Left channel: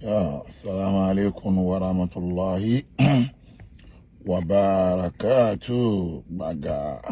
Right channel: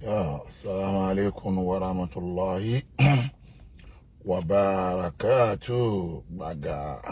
السلام عليكم ورحمة الله وبركاته بقى.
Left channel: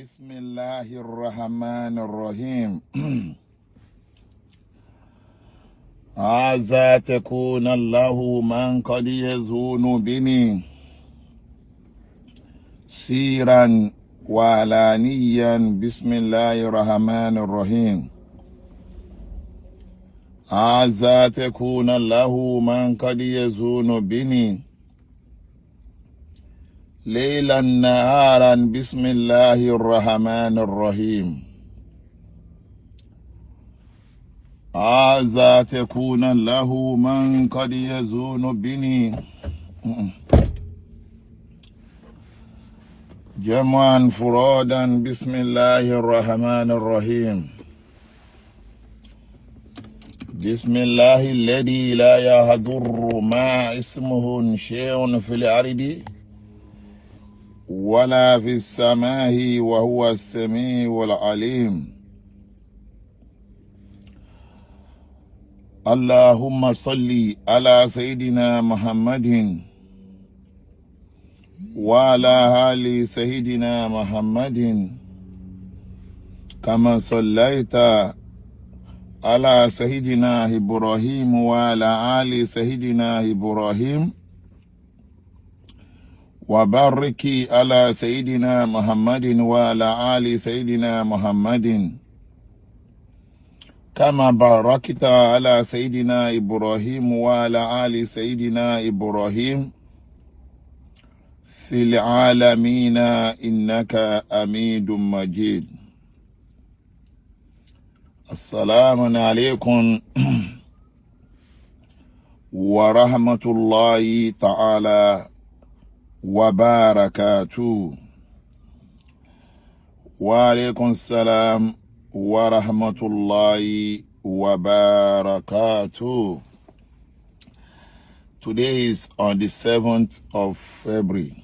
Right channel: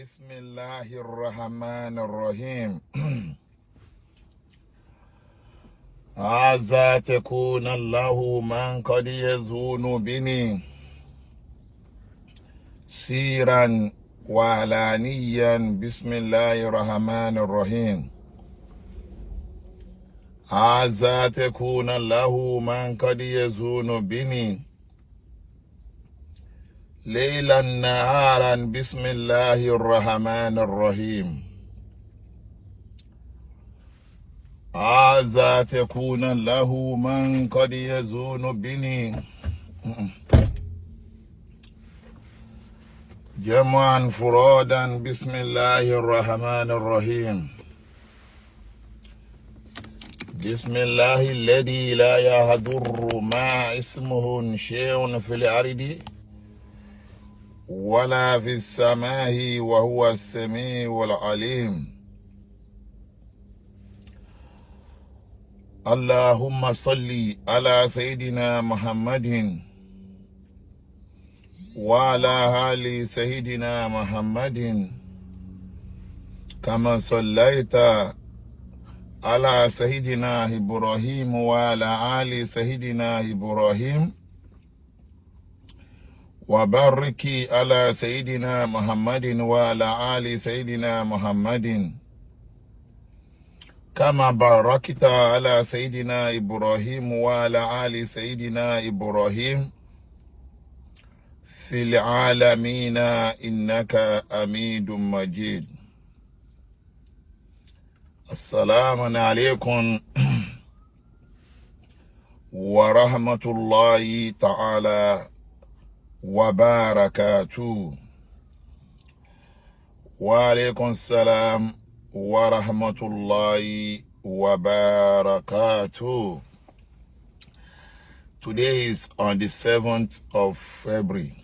بسم الله الرحمن الرحيم. عسى تكون الله من قد يزون بني سيرا وعلانيا. بسم الله الرحمن الرحيم. عسى تكون الله من قد يزون بني ليلا نهارا. بسم الله الرحمن الرحيم. عسى تكون له من قد يزون بني جمعا فرادا. بسم الله الرحمن الرحيم. بسم الله الذي لا يضر ما اسمه شيء في الأرض ولا في السماء وهو السميع العليم. اللهم صل على سيدنا محمد وعلى آل سيدنا محمد كما صليت على سيدنا إبراهيم وعلى آل سيدنا إبراهيم وبارك على سيدنا محمد وعلى آل سيدنا محمد كما باركت على سيدنا إبراهيم وعلى آل سيدنا إبراهيم في العالمين إنك حميد مجيد. السلام عليكم ورحمة الله تعالى وبركاته. وعليكم السلام ورحمة الله وبركاته. Today is on the 7th of February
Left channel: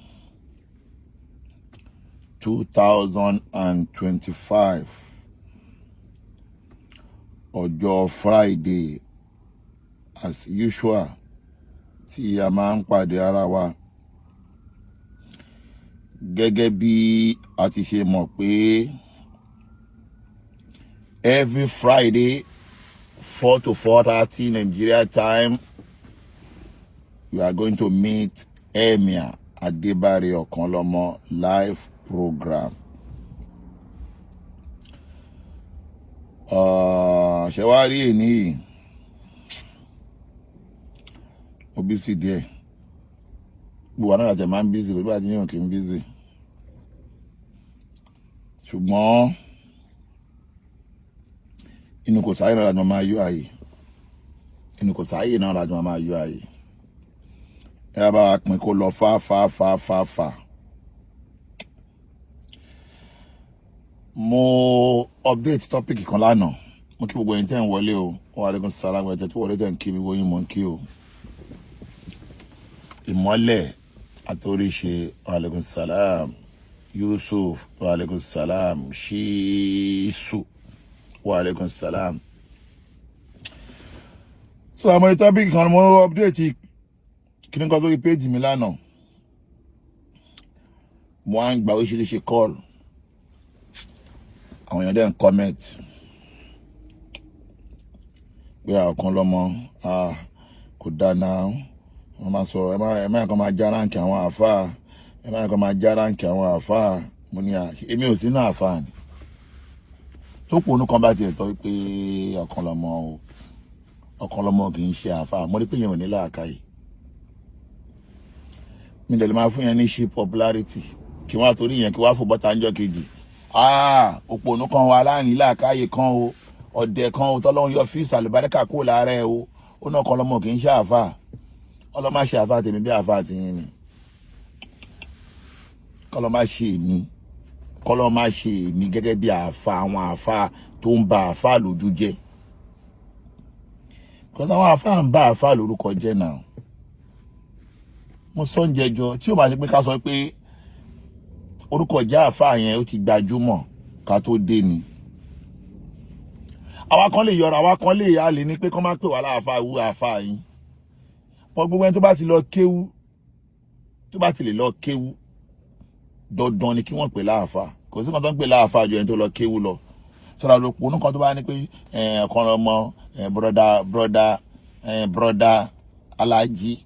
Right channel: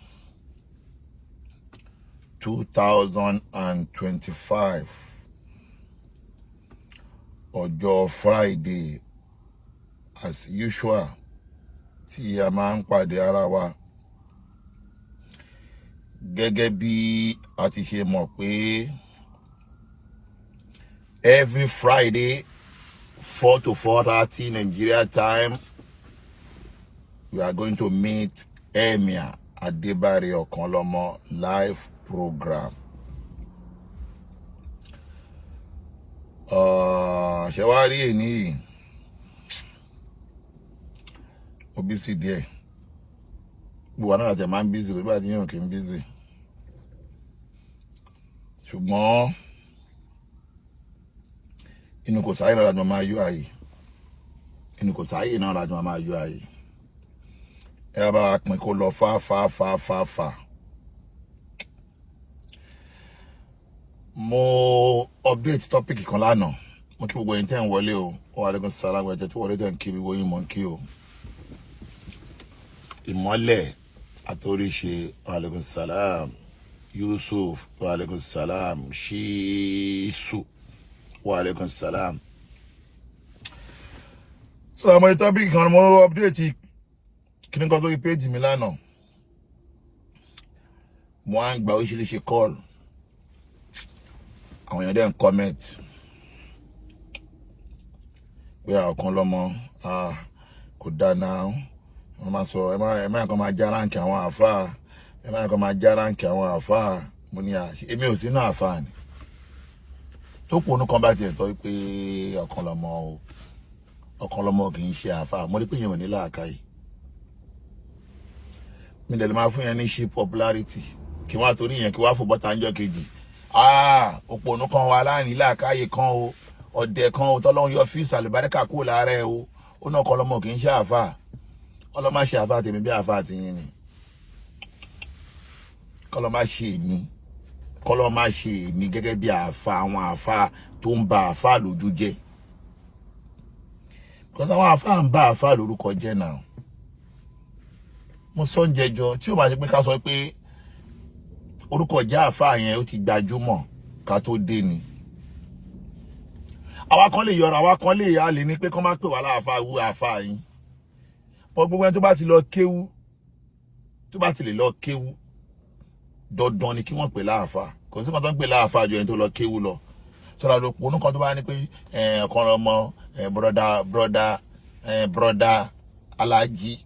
2025. Ọjọ́ Friday, as usual, tí a máa ń pàdé ara wa. Gẹ́gẹ́ bí a ti ṣe mọ̀ pé every Friday 4 to 4:30 Nigeria time we are going to meet Emir Adebare Okanlomo live program. Ṣẹ̀wárí ní mo busy díẹ̀. Gbogbo náà láti máa ń busy, gbogbo àti yàn kì í busy. Ṣùgbọ́n inú kò sáyé náà láti máa yọ àyè. Inú kò sáyé náà láti máa yọ àyè. Ẹ bá wa pín kó lọ fà. Mo update topic kan lánàá. Mo kí gbogbo ẹ̀yin tẹ́ ń wọlé o. Wa alaikum salam ẹ̀jẹ̀ tí wọlé tẹ́ ń kí mi wọ́n yín mọ̀ ń kí o. Ìmọ́lẹ̀ àtòríṣe wa alaikum salam. Yusuf wa alaikum salam. Shisu wa alaikum salam. So àmọ́ topic kan mo update kí ni kan sórí page mi lánàá. Mo á ń gba oríṣiríṣi call. Àwọn èèyàn dẹ̀ ń comment pé Okanlomo kò dáná wọ́n máa sọ̀rọ̀ ẹ máa kàn máa já ránkì àwọn àfáà ẹ máa kàn máa já ránkì àwọn àfáà. Mo ní èmi ò sínú àfáà ni tó pònú kan bá tiẹ̀ sọ pé Okanlomo kì í ṣe àfáà. Mo rí pé yẹn ò ní làákàyè. Mi dẹ̀ lè máa fún yẹn ní ṣe popularity kí wọ́n á torí yẹn kí wọ́n á fò bọ́ta ńjọ́ kejì. Òpònú kan wà láàrin làákàyè kan o ọ̀dẹ̀ kan o tọ́lọ́run yọ fíìsì àlùbáríkà kúrò lára ẹ o ó náà Okanlomo kì í ṣe àfáà. Ọlọ́mọ ṣe àfáà tèmi bí àfáà ti yín ni. Kọ́lọ́mọ ṣe èmi gẹ́gẹ́ bí àfáà àwọn àfáà tó ń ba àfáà lójú jẹ́. Because àwọn àfáà ń ba àfáà lórúkọ jẹ́ náà. Mo sọ ń jẹjọ tí ó bá ṣe pé ká sọ pé orúkọ jẹ́ àfáà yẹn ó ti gbajúmọ̀ ká tó dé ni. Àwa kan lè yọra, àwa kan lè yá lè ní pé kán má pè wá láàfáà wú àfáà yín. Gbogbo ẹni tó bá ti lọ kéwú, tó bá ti lè lọ kéwú, dandan ni kí wọ́n pè láàfáà. Kò sí kan tó ń pè láàfáà ju ẹni tó lọ kéwú lọ. Sọ̀rọ̀ ló pònú kan tó bá ní pé Okanlomo broda Alájí.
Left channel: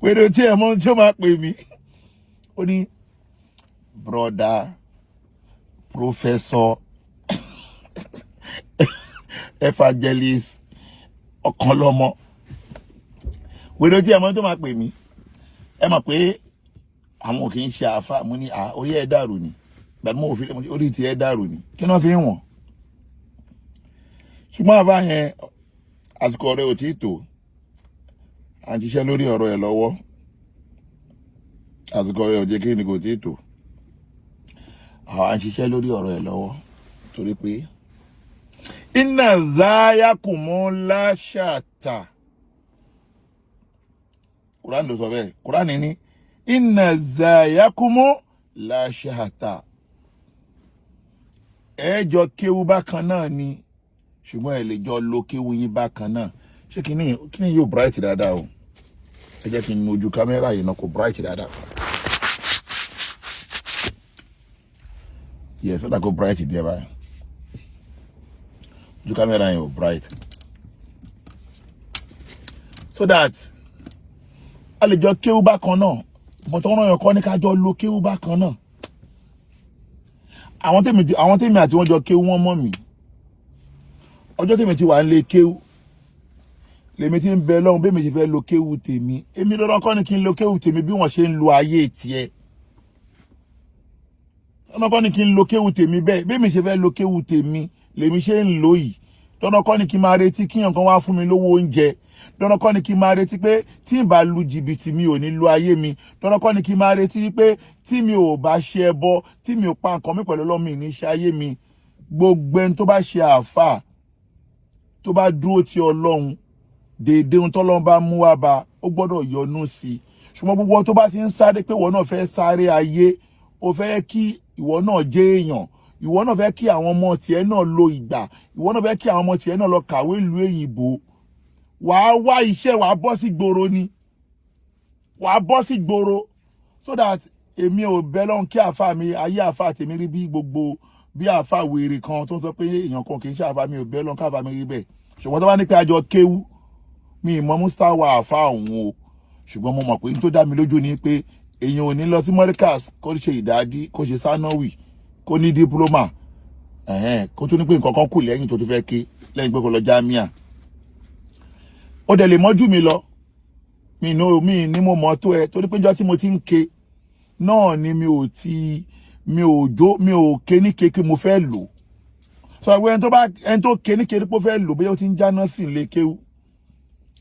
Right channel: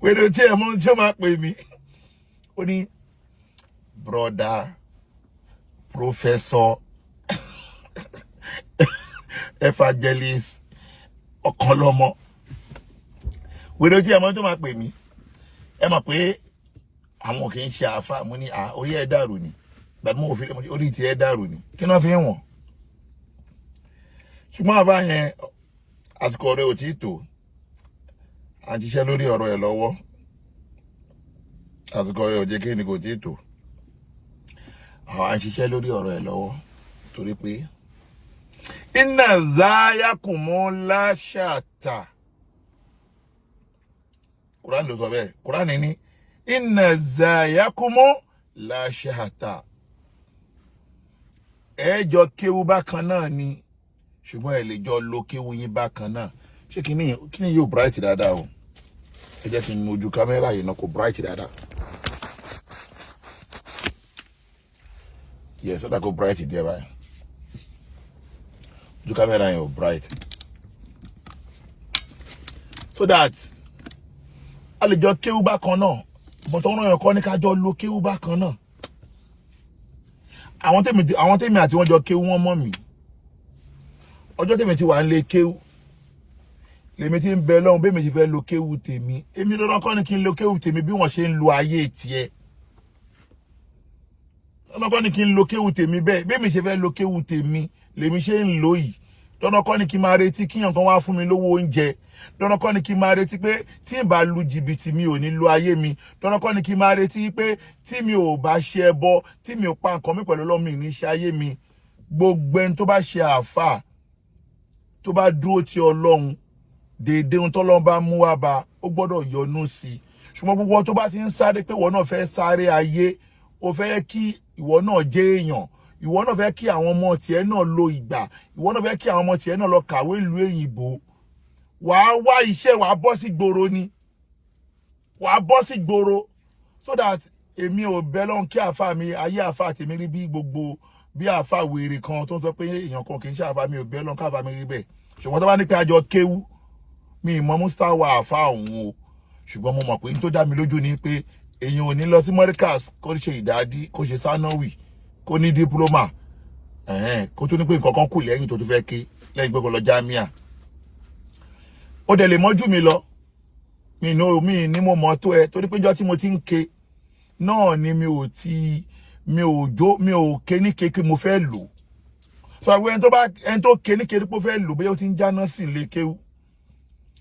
Wèrè tí ẹ mọ̀ tí ó máa pè mí. Ó ní broda professor evangelist Okanlomo. Wèrè tí ẹ mọ̀ tí ó máa pè mí. Ẹ mọ̀ pé àwọn kì í ṣe àfáà. Mo ní orí ẹ dàrú ni. Gbàdúrà mo fi orí ti ẹ dàrú ni. Kí náà fi ń wọ̀n? Ṣùgbọ́n àfáà yẹn àsìkò rẹ̀ ò tí ì tó. À ń ṣiṣẹ́ lórí ọ̀rọ̀ ẹ̀ lọ́wọ́. Àsìkò rẹ̀ ò jẹ́ kí ni kò tí ì tó. À ń ṣiṣẹ́ lórí ọ̀rọ̀ ẹ̀ lọ́wọ́ torí pé inna zayakumu la shata. Quran ló sọ bẹ́ẹ̀. Quran ní inna zayakumu la shata. Ẹ jọ kéwú bákan náà ni ṣùgbọ́n ẹ lè jọ lo kéwú yín bákan náà. ṣé kíní yóò bright dáadáa o ẹ jẹ́ kí n ojú kámẹ́rà yìí náà kò bright dáadáa yes ó dà kó bright díẹ̀ báyìí ojú kámẹ́rà yìí ò bright so that a lè jọ kéwú bákan náà mo tó rán yàn kọ́ ní ká jọ lo kéwú bákan náà àwọn tèmi àti wọ́n jọ kéwú wọ́n mọ̀ mí ọjọ́ tèmi ti wà ń lé kéwú lèmi ti ń bẹ lọ́hùn bí mi ti fẹ́ lo kéwú tèmi èmi lọ́dọ́ kọ́ ni kí n lo kéwú tèmi bí wọ́n ṣe ń lo ayé tiẹ̀ lọ́dọ́ kọ́ ni kí n lo kéwú tèmi bẹ́ẹ̀ bí mi ṣe fẹ́ lo kéwú tèmi lèmi ṣe ń lò yìí lọ́dọ́ kọ́ ni kí n máa retí kíyàn kan wá fún mi lówó oúnjẹ lọ́dọ́ kọ́ ni kí n máa retí pé tí n bá lu jìbìtì mi ò ní lo ayé mi lọ́dọ́ kọ́ ni kí n máa retí pé tí mi ò bá ṣe ẹbọ tí mi ò pa nǹkan mi pẹ̀lú Ọlọ́run ní ṣe ayé mi gbogbo ẹni tó bá ṣe àáfà tó bá dúró ti Ọlọ́run déédéé ohun tọ́lọ́run bá mú wá bá ó gbọ́dọ̀ yọ́nú sí i ṣùgbọ́n gbogbo tó bá ti ń sáré pé ìwọ náà fẹ́ sáré ayé ó fẹ́ kí ìwọ náà jẹ́ èèyàn ìwọ náà fẹ́ kí àwọn ọmọ tiẹ̀ náà lo ìgbà ìwọ náà fẹ́ kí àwọn ọmọ tiẹ̀ náà lọ kàwé ìlú èyìnbó wàá wá iṣẹ́ wàá bọ́ sí gbòòrò ni wàá bọ́ sí gbòòrò so that èmi ò bẹ́ lọ́hùn kí àáfà mi ayé àáfà tèmi rí bí gbogbo bí àáfà wèrè kan tó ń sọ pé èèyàn kan kì í ṣe àáfà mi ò bẹ́ lọ́hùn káàfà mi rí bẹ́ẹ̀ ṣùgbọ́n tó bá ní pé àjọ kéwú mi ìmọ̀ mustawa àáfà òun o ṣùgbọ́n mo mọ̀ pé tó dá mi lójú ni pé èèyàn ò ní lọ sí mọ́ríkàs kó ṣe ìdádí kó ṣe sánáwì kó ní dípúlọ́mà kó tó ní pé nǹkan kan kù lẹ́yìn tó fẹ́ ké lẹ́yìn pé kó lọ jámíà ó dẹ̀ lè mọ́jú mi lọ mi ní mo mọ̀ tó ẹ torí pé ìjọ́ tí mo ti ń ké náà ni mi ò ké ní ké mo fẹ́ lò so àgbẹ̀ ẹni tó ké ní ké pé ó fẹ́ lò bóyá ó ti ń jáná sí ilé kéwú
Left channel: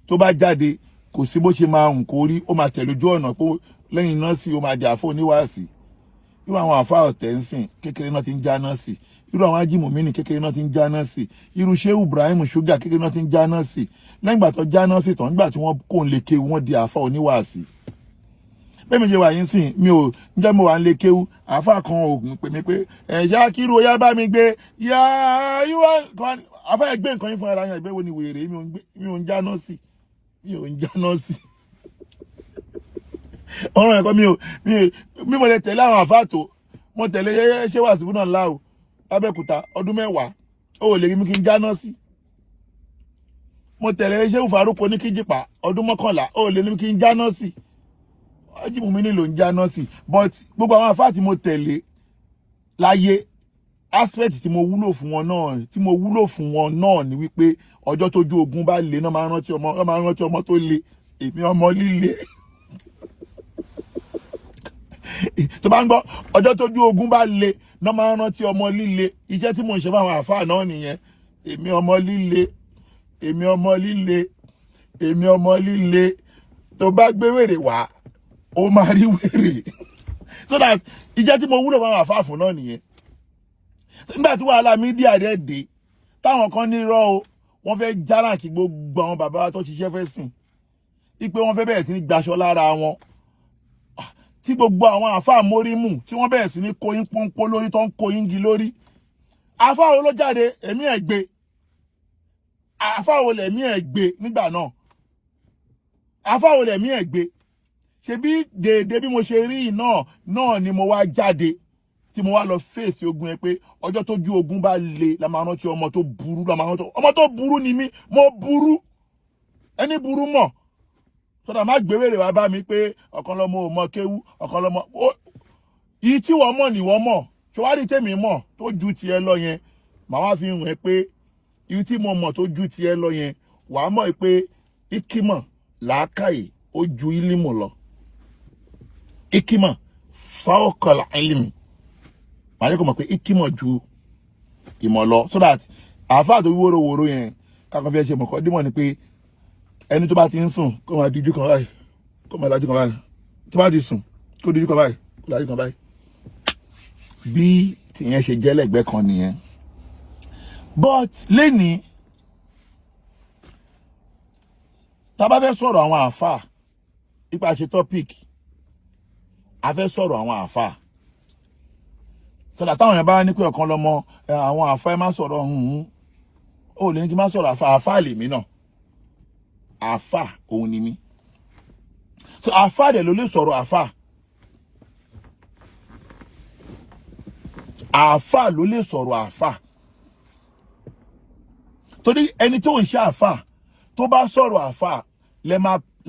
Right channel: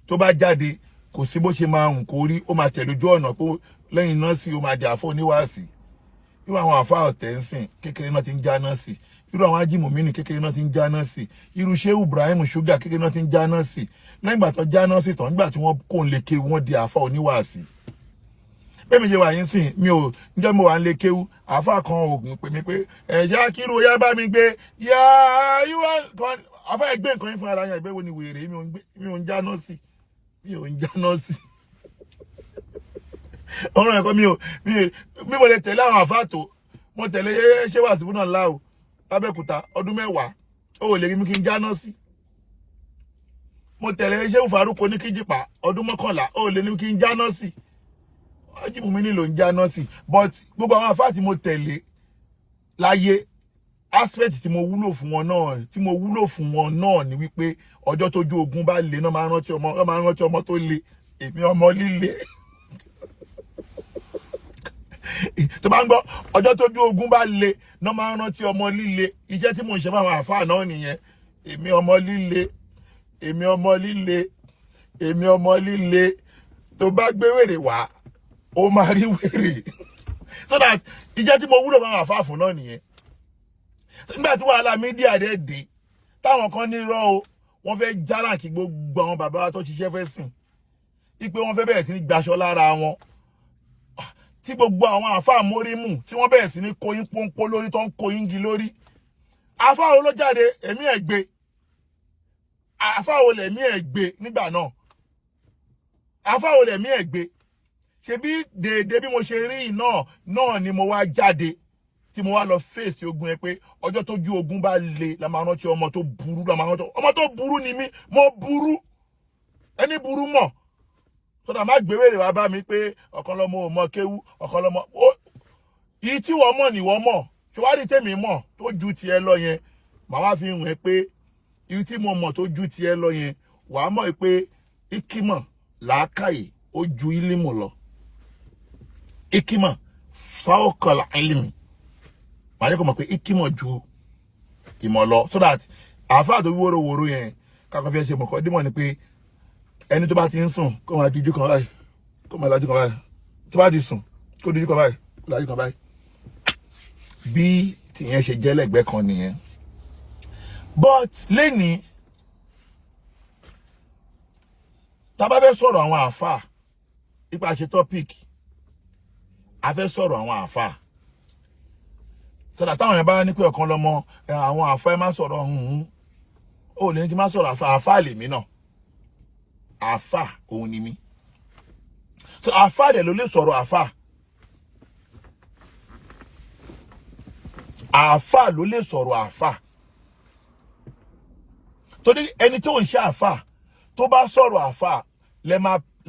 tó bá jáde kò sí bó ṣe máa hùn kó rí ó máa tẹ̀lé ojú ọ̀nà pé lẹ́yìn náà sí ó máa di àfọ oníwàásì irú àwọn àfáà ọ̀tẹ̀ ń sìn kékeré náà ti ń jáná sí irú àwọn ajímọ̀mí ní kékeré náà ti ń jáná sí irú Ṣéhù Ibrahim ṣúgà kékeré náà ti ń jáná sí lẹ́yìn ìgbà tó jáná sí tán nígbà tí wọ́n kò ń lè kéwú wọ́n di àfáà oníwàásì bẹ́ẹ̀ mi ṣe wà yín sìn mi ò níjọ́ mo wà ń lè kéwú àfáà kan ògùn pè mí pé ẹ̀yà kírú oyá bá mi gbé yá yíwá kan àfáà ẹgbẹ́ nǹkan yín fún ara yẹn ìgbéwò ni wèrè mi ò ń jáná sí ọ̀rọ̀ ẹ̀kọ́ mi mo lè tẹ̀lé àwọn àfáàtò mo tẹ̀lé ṣé Wasiu náà láò lábẹ́kúta ọdún 10 ó lè rí mi kí n jáná sí mo tẹ̀lé ṣé Faruko ní Kíjìpá ọdún 11 ó lè rí mi kí n jáná sí ọjímù mi nílò ń jáná sí but gbogbo àwọn àfáàtì mo tẹ̀lé láyé aspect tí mo wúlò fún wọn náà ni wípé ọjọ́ tójú ogun bá le náà máa rántí ọmọ tó le èmi ọmọ líle tó bá ń gbọ́ ọjọ́ tójú ogun bá le náà máa rántí ọmọ líle iṣẹ́ tí mo ń ṣe fáwọn àfáà náà nìyẹn èmi ọmọ líle tó bá gbé wèrè wá ó máa rí wèrè so that iṣẹ́ tí mo wúlò fáwọn àfáà fún náà nìyẹn nígbà tí wàhálà mídíà rẹ̀ dé táwọn kan ní irọ́ o wọ́n fẹ́ járàkì gbogbo àwọn bàbá wa tó ṣiṣẹ́ fẹ́ sìn ipe wọ́n fẹ́ bẹ̀rẹ̀ sí ní gbaṣọ lára wọn tí gbogbo àwọn àfáà mórímù tí wọ́n bẹ̀rẹ̀ sí ní kóyín pọ́npọ́ lórí tó ń kóyín gi lórí àfáà wo ló jáde ẹ̀mí ẹ̀ gbé àfáà wo lẹ̀mí ẹ̀ gbé nígbà náà àfáà wo lẹ̀mí ẹ̀ gbé ṣebí déédéé bí mo ṣe rí náà ni mo wá jáde tí mo wá lọ fèsì ogun ẹ pé ọjọ́ tójú ogun bá le la máa rántí ọmọ tó burú ọmọ tó burú ni mí mo burú ẹni burú mọ̀ sọ́dọ̀ má gbéwèrè wá bá mi pé ọ̀kan lọ́mọ ò mọ kéwú ọ̀kan lọ́mọ yìí tí wọ́n mọ̀ ni wọ́n mọ̀ ṣọwárí tèmi mọ̀ tó ju tiẹ̀ lọ yẹn màá wá fi hàn ẹ́ pé yìí tí mo mọ̀ tó ju tiẹ̀ lọ yẹn wàá mọ̀ pé ikímọ̀ làákàyè ó ju ílímù lọ ikímọ̀ fáwọ́kọ̀lá ílímù màá yẹ kó mọ̀ pé ikímọ̀ ju ìmọ̀ lọ so that àáfàá tó wóró yẹn kákan fi ẹ ṣe mọ̀kọ́ dímọ̀ ni pé ẹni tó bá ti ń sùn kó máa díjú kan báyìí kó máa lajú kan báyìí tó bá ti sùn kó díjú kan báyìí kó lajú kan báyìí bí tìyẹn ṣe jẹ́ lẹ́gbẹ̀ẹ́ kan nìyẹn but lẹ́ni tá bá fẹ́ sọ̀rọ̀ àwọn àáfàá ipa ṣe topic a fẹ́ sọ̀rọ̀ àwọn àáfàá sọ̀dà táwọn yẹn bá ní pé ọ̀kan lọ́mọ àwọn àáfàá ẹ má sọ̀rọ̀ ó lè ní kí n má sọ̀rọ̀ àáfàá lèmi náà àfà òun ni mí. So àfà dẹ̀ ló lè sọ̀rọ̀ àfà. Àfà ló lè sọ̀rọ̀ àfà. Torí ẹni tó ń ṣe àfà tó bá sọ̀rọ̀ àfà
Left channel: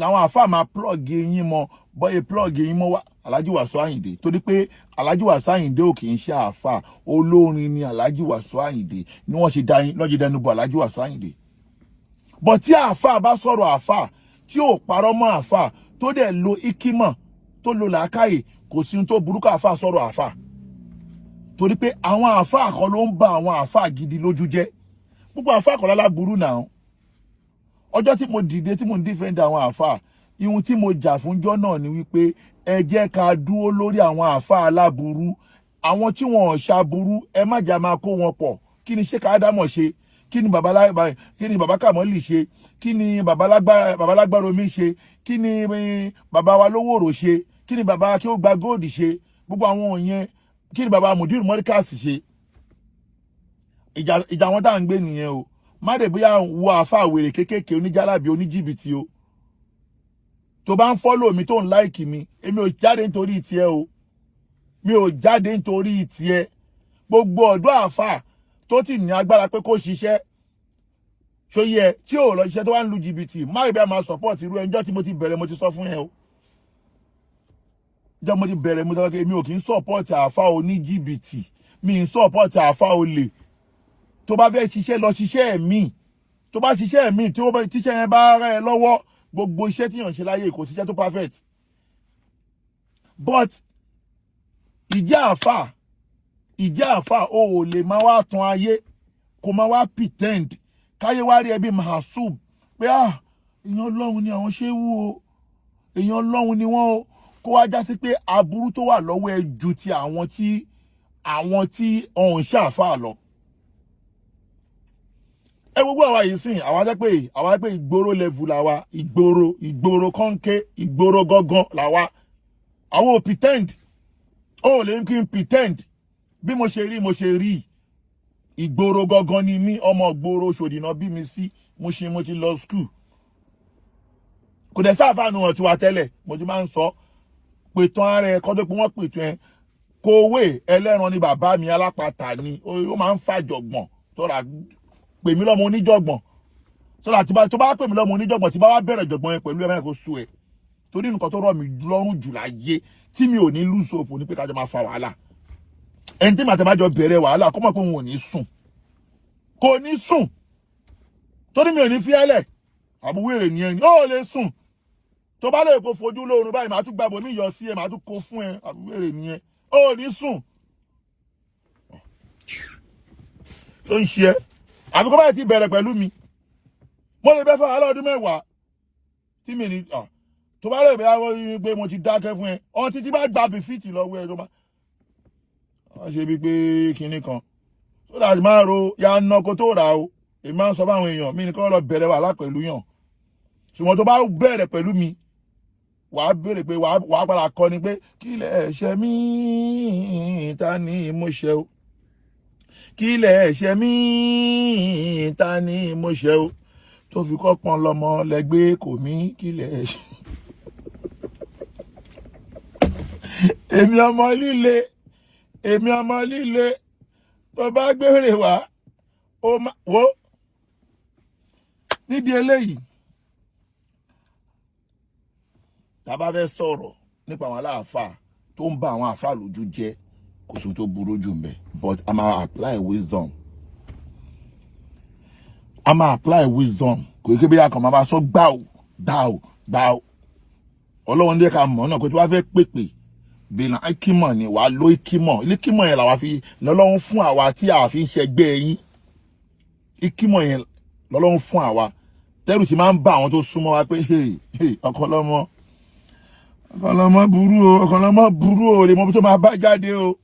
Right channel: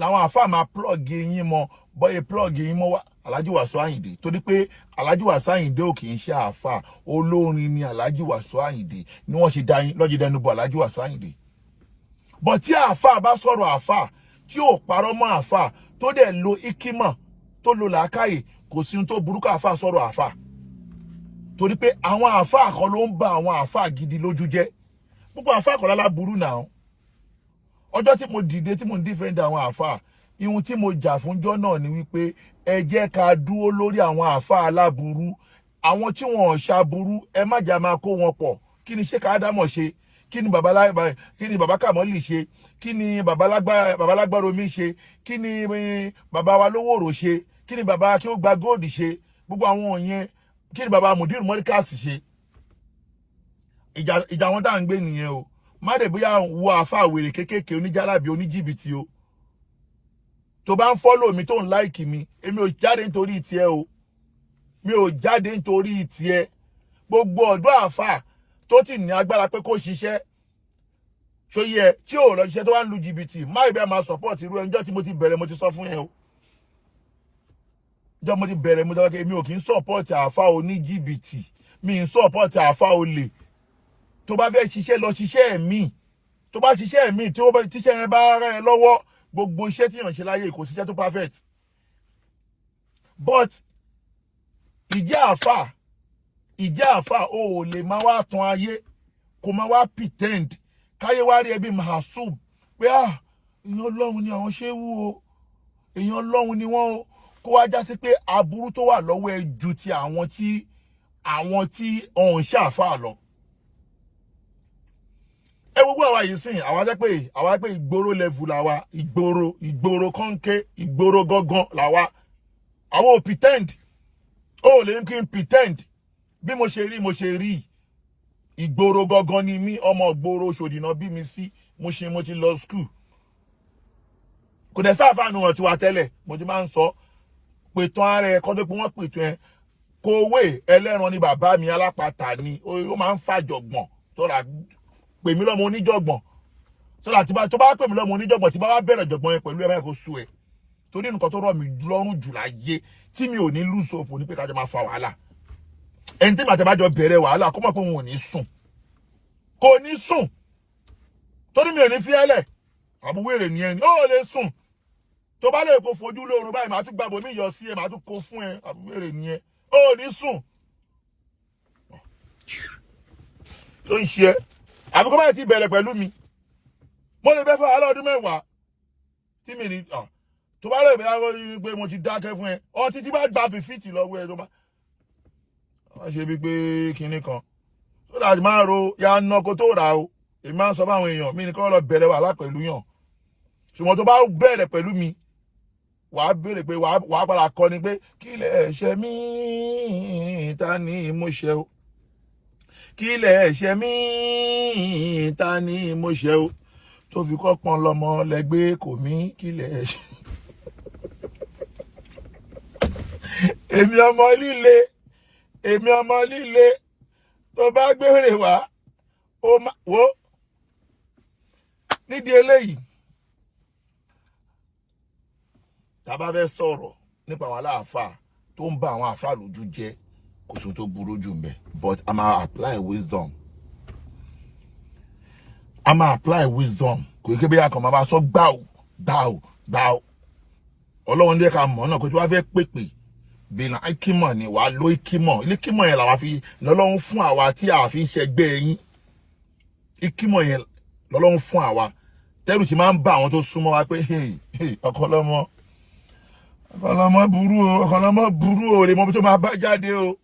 làwọn àfà máa plug yín mọ́ bọ́yẹ plug yín mọ́ wá Alhaji Wasiu Ayinde. Torí pé Alhaji Wasiu Ayinde ò kì í ṣe àfà, olórin ni Alhaji Wasiu Ayinde, ni wọ́n ṣe lọ́jọ́ dẹnu bọ̀ Alhaji Wasiu Ayinde. But tí àfà bá sọ̀rọ̀ àfà tí ò parọ́ mọ́ àfà tó dẹ̀ lo ikímọ̀ tó lo làákàyè, kò sí ohun tó burúkú àfà sọ̀rọ̀ àfà. Torí pé àwọn àfà kan ló ń ba àwọn àfà gidi lójú jẹ́. Gbogbo àfà kan lára burú náà. Ọjọ́ tí mo dìde tí mo ń defend àwọn àfà, ihun tí mo jà fúnjọ́ náà ni wípé ẹ jẹ́ ká dúró lórí àwọn àfà aláburú. Àwọn tí wọn ò ṣaburú, ẹ má jà máa kó wọn pọ̀. Kí ni Sheikh Adamu ṣe? Kí ni bàbá Kamoli ṣe? Kí ni bàbá lágbára omi ṣe? Kí ni bàbá wa lówóró ṣe? Kí ni bàbá kí ó gba gold ṣe? Gbogbo àwọn yẹn. Kí ni bàbá Mudir Morikas ṣe? Ìjà wọn tá ń gbé nìyẹn o. Má dé bóyá wo àfà wèrè kékèké oníjàlábí oníjìbìtì o. Tó bá ń follow mi tó ń like mi, èmi ò jáde nítorí tiẹ̀ o. Mi ò jáde nítorí tiẹ̀. Gbogbo ọ̀dọ́ àfà tó ti ní agbára pé kó ṣiṣẹ́ ṣó yẹ tí ò lọ ṣiṣẹ́ tó wá ń lu jìbìtì, má ìbẹ́ máa support irú ẹjọ́ tí mo ti bẹ̀rẹ̀ mo ti sọ fún ẹ o. Jọ́ mo ti bẹ̀rẹ̀ mo ti sọ pé mi ò kì í support àfà oníjìbìtì, mi ń support àfà olè. Tó bá fẹ́ ṣiṣẹ́ lọ ṣiṣẹ́ mi, tó bá ṣiṣẹ́ mi tí tíṣẹ́ yẹn bá rẹ̀ lọ́wọ́, gbogbo iṣẹ́ tí yàn ṣe láyé kò síṣẹ́ tó perfect. But ìjẹ́ àfà o ò lè máa wá tan ayé kó máa wá pretend káyé wá rí ẹbí mahasub pé èèyàn Ọlọ́run ni àwọn ṣéwú o, èèyàn Ọlọ́run ni wọ́n o, kó wá já sí pé aburú tó wà lọ́wọ́ ẹ ju ti àwọn tí ọ̀hún ṣe àfà lọ. Ẹ gbogbo àwa yìí sìn, àwa pé ìgboro level làwa, ìgboro kọ́ńké, ìgboro gángan làwa. Àwọn ò pretend. Ó lè kí n pretend. Bí mo ṣe rí. Ìgboro gángan ni mí, ọmọ ìgboro Òṣòdì náà bí mi sí, mo ti lọ school. Kò dẹ̀ sáfàánù wọn tí wà tẹ́lẹ̀, mo ti máa ń sọ. Pètàn ara ẹ̀ kọ́ tó pé wọ́n pètàn ẹ̀. Kòwé ẹlẹ́ran ni bàbá mi, alápatà ni, ó máa ń fàjọ̀gbọ̀n tó rà pè mí lọ́mọ oníjọ̀gbọ̀n. Sọ́dà tó bá pè mí lọ́mọ oníjọ̀gbọ̀n tí bá wá bẹ̀rẹ̀ jọ̀gbọ̀n yẹn pẹ̀lú ẹ̀rẹ́ kò sú ẹ̀. Torí nǹkan tó rọ̀ mí lọ́rùn jù láyé tí mi ò ní lose hope ní pé ká jọ máa fa wàhálà. Ẹni tí màá tẹ́ bá jọ bẹ̀rẹ̀ wàhálà kó mọ̀ pé òun ò ní sùn. Kò ní sùn. Torí mi ò ní fiẹ́lẹ̀. Àbúwèrè ni ẹni. Ó lè sùn. Tó bá lè kó fojú lóorun báyìí màá tún gbàbọ̀ mí yọ sí ẹ, màá tún kó fún ẹ. Àbúwèrè ni ẹ. Ó ní sùn. Tó ń ṣe ẹ́. Àfi kó bá ti bẹ̀rẹ̀ pẹ̀lú mi. Mo lè bẹ́ fún wàhálà ọdún mẹ́wàá. Tí mi ní tó bá lè bẹ́ pé mo ti dákẹ́ fún ẹ. Ọ̀n títí bá gba fìfìtì lọ́wọ́ ẹ tó bá. Wọ́n ṣe bí pé kinní kan. Tó dàbí máa ro ya ná kó tó rà o. Èmi máa ń sọ fáwọn èèyàn mi ní kọ́ lọ bẹ̀rẹ̀ wàhálà pẹ̀lú yàn. Ṣùgbọ́n tó bá bẹ̀rẹ̀ pẹ̀lú mi, wàá béèrè pé wàá padà kọ́ ni pé kí lẹ̀ ṣe mí ta ni mo ṣe o. Kí lẹ̀ ṣe mí ta ni mo ṣe o. Tó fi kọ́pọ̀n lọ́mọ lẹ́gbẹ́ kò mí kí lẹ̀ ṣe. Èmi ọmọ líle tó bá gbèrè wá wo nídìí eléyìí tá bá fẹ́ sọ̀rọ̀ nípa àwọn aláàfáà tó ń bá àwọn àfáà lójú jẹ́ kò sí tó burú jù ńbẹ̀, but a máa apply wisdom. Kò yẹ kí bí akọ̀ máa sọ gbáò. Ọlọ́run ní ká mọ̀ náà kó tí wàá fẹ́ pèpè bìnà ikímọ̀ ni wàá lo ikímọ̀. Ikímọ̀ yẹn làwa fi lọ́lọ́run fún àwa tí a fi ń ṣẹgbẹ́ yín. Ikímọ̀ yẹn lọ́lọ́run fún àwa. Tẹ́rù sì máa ń bá àwọn tó súnmọ́ wa pé ọkọlọ́mọ burú o, lè mọ bí tó máa bá jáde o.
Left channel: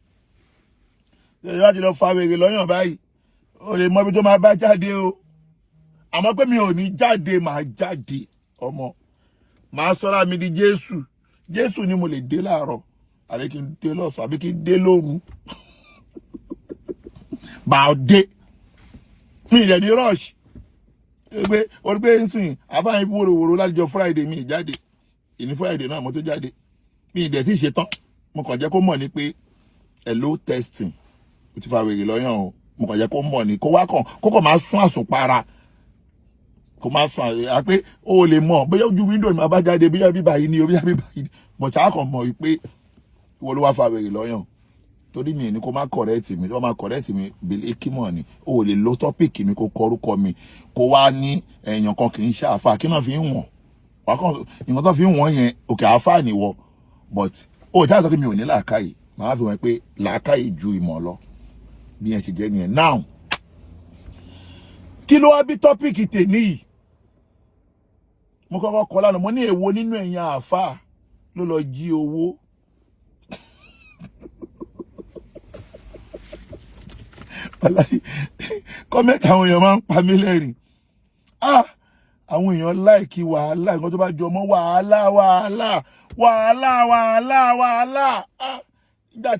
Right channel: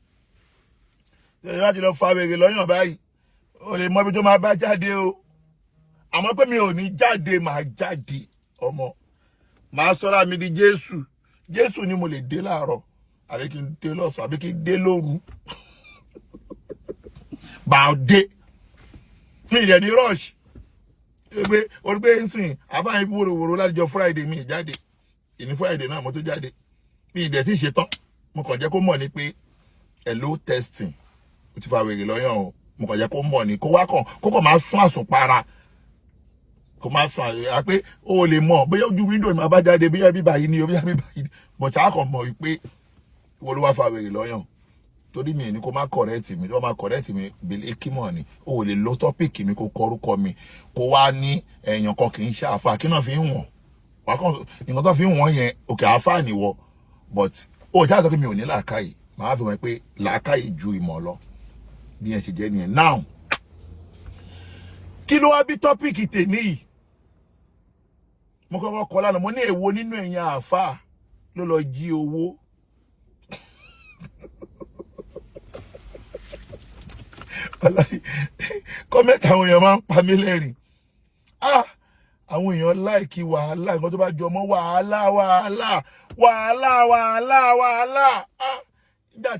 Tẹ́lẹ̀ láti lọ fa wèrè lọ́yàn báyìí, o lè mọ bí tó máa bá jáde o. Àmọ́ pé mi ò ní jáde, màá jáde ọmọ. Màá sọ́ra mi di Jésù ni mo lè dé láàárọ̀, àbí kí n dé lọ́sàn, àbí kí n dé lóru. Bàá dé. Mi ìyẹn ní rush. Orúgbé ń sìn àfáà yín wòrò lájọ Friday mi jáde ìní Friday náà mo tó jáde mi ìdẹ̀ tí ì ṣe tán mo kàn jẹ́ kó mọ̀ ní pé hello testing ó ti fa wèrè lọ́yàn o mo kàn jẹ́ kó mọ̀ ní kó kàn máa sún àsùnpara kó máa sún àyà pé ó lè mọ̀ bóyá ojú window ni máa bá jáde bóyá bíbá yìí ni o bóyá bíbá yìí ni bọ̀tá kàn mọ̀ wípé ìwọ ló wá fa wèrè lọ́yàn torí mi ní kó má correct mi tó má correct mi bèlè kímọ̀ ni ó lè lo topic mi kó kọrúkọ mi kó wá ní èèyàn kan kì í ṣe àfà kí náà fi ń wọ̀n wá kàn nǹkan tó fi ń wọ̀n yẹn òkè àfà nìwọ but ó jáde sọ pé mi ò ní làákàyè màá fi wọ́n pé làákàyè ju ìmọ̀ lọ bí yẹn ti jẹ́ nìyẹn now kí ló wá bí topic tèmi yìí mo kọ́kọ́ kọ́ lánàá mo ní èwo nínú ẹ̀yin àfà ló lọ jí owó kọ́mẹ́tì àwọn èèyàn máa ń pa mí lẹ́rìn àwọn èèyàn láìkí wàhálà nǹkan tó bá jọ mọ́ wàhálà nígbà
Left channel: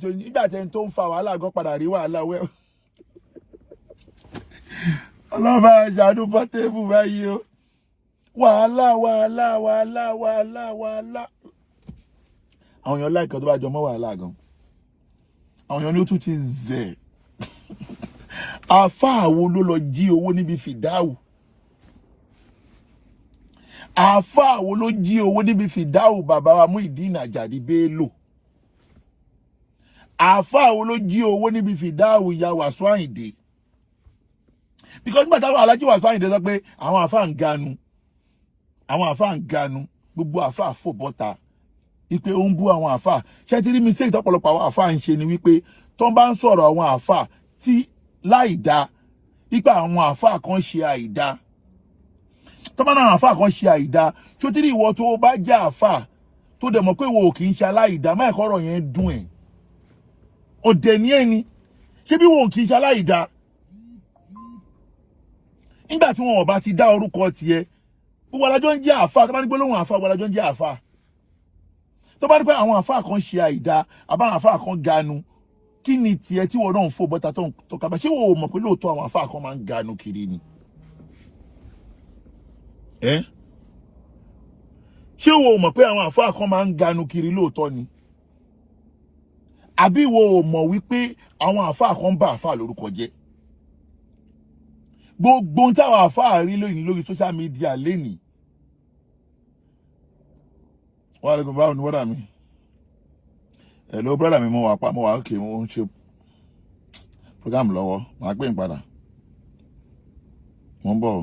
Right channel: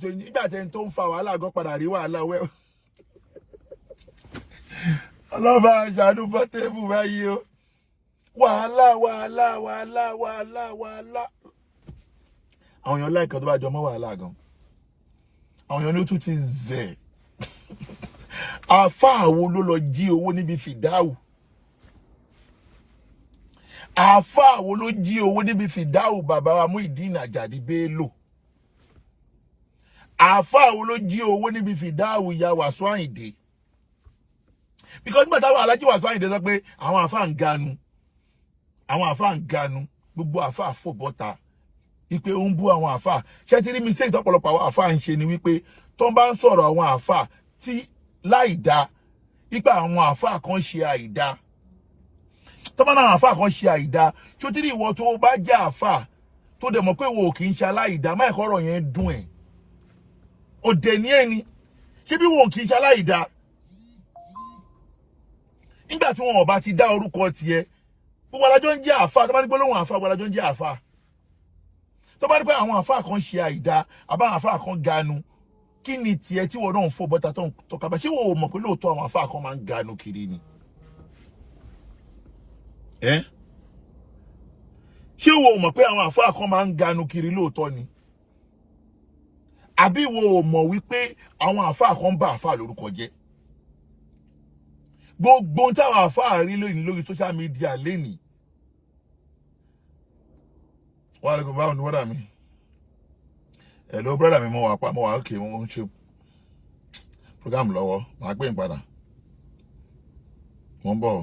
tí ẹni tó ń fa wàhálà gan padà rí wàhálà wẹ́ ọlọ́ba àjàdún bọ́tẹ́bù báyìí o wàhálà àwọn èèyàn láìkí nǹkan tó bá jọ mọ́ wàhálà gan àwọn èèyàn ní ó tún ti zẹ̀ àfáà wo ló lọ jí owó níbi Fidau àfáà wo ló jí owó níbi Fidau Babawa Muyideen Ajadi Bello àfáà wo ló jí owó níbi Fidau ya Wasiu Ayinde because nígbà táwọn alájí Wasiu Ayinde sọ pé àwọn àfáà ń ganu gbogbo àfáà fò bọ́ta wípé ó ń bú àwọn àfáà ṣé ti rí mi sí ìtọ́pọ̀lọpọ̀ àwọn àfáà ń ṣe ni wípé tó bá ń sọ̀rọ̀ àwọn àfáà tí láìdá ipa àwọn àfáà kan ṣe àìdá tó bá náà àfáà kan ṣe àìdá tó tí rí ìwọ tó bá jẹ́ àfáà tó dẹ̀ mọ̀ pé wo kì í ṣe aláìdá má ẹ̀kọ́ ọ̀rọ̀ yẹn dùn ẹ̀ òdè ní ẹni ṣé bí wo kì í ṣe aláìdá nígbà tí wọn ò bá ti dá orúkọ tiẹ̀ gbogbo alájọ ń jẹ́ àfáà tó bá ní gbólóhùn àfáà gbogbo alájọ ń jẹ́ àfáà tó bá ní pé àwọn àfáà kan ṣe àìdá àbáwọn àfáà kan ganu kí ni tiẹ̀ tí wọ́n náà ń fò bọ́ta tó ń tọ́ka bá ṣé wọ́n mọ̀ pé lóòótọ́ àwọn àfáà kan máa ń ganu kiri ni ṣé wọ́n mọ̀ pé àwọn àfáà kan máa ń ganu kiri lóòótọ́ ni àbí wọ́n mọ̀ wípé àwọn àfáà kan bá àfáà lórúkọ jẹ́ gbogbo ohun táwọn àfáà rí lónìí lórí social media lénìí wọ́n á lè kó báwọn ní wọ́dà mi hello brother mi mo wà okay mo ń ṣe program lọ́wọ́ màá gbé padà mo ń bọ̀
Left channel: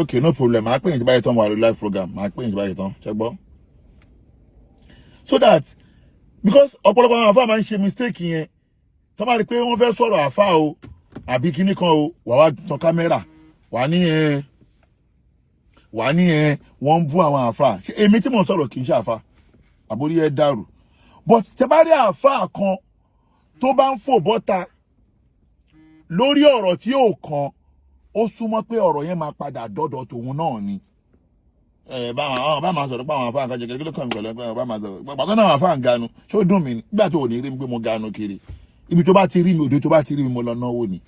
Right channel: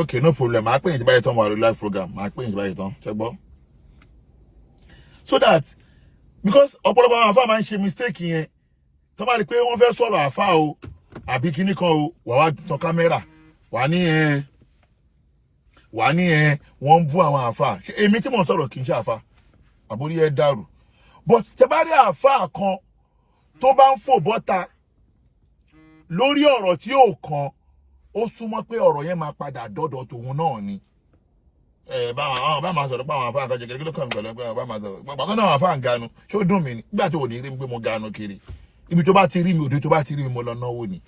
okay no problem màá pè yín tí báyìí tán mo wà lórí live program màá pè yín tí báyìí tán ṣé gbọ́ so that because ọ̀pọ̀lọpọ̀ àwọn àfáà máa ń ṣe mistake yẹn tó bá rí pé wọ́n fẹ́ sọ̀rọ̀ àfáà o àbí kíní kan o wà tan kámẹ́rà wà ní wọ́n ń bú àwọn àfáà ṣé èmi tí mò ń sọ̀rọ̀ kì í ṣe àfáà àbórí ẹ dàrú but tẹ́ bá rí àfáà kan tó bá ń fò bọ́ta lórí ọ̀rọ̀ tí ò kan ó súnmọ́ pé ọ̀rọ̀ yẹn máa padà dọ́dọ̀ tòun náà ni bá máa sọ̀rọ̀ pé àwọn àfáà kan jẹ́ kí ló kàn mí pẹ̀lú pé bá máa sọ̀rọ̀ pàtó náà àwọn àfáà ń ganu ṣé ó dùn mí ni nígbà tó ò ní rí mi pé mo ganu kiri ibi tó bá ti rí mi òde tó bá ti rí mi mo lọ náwó ni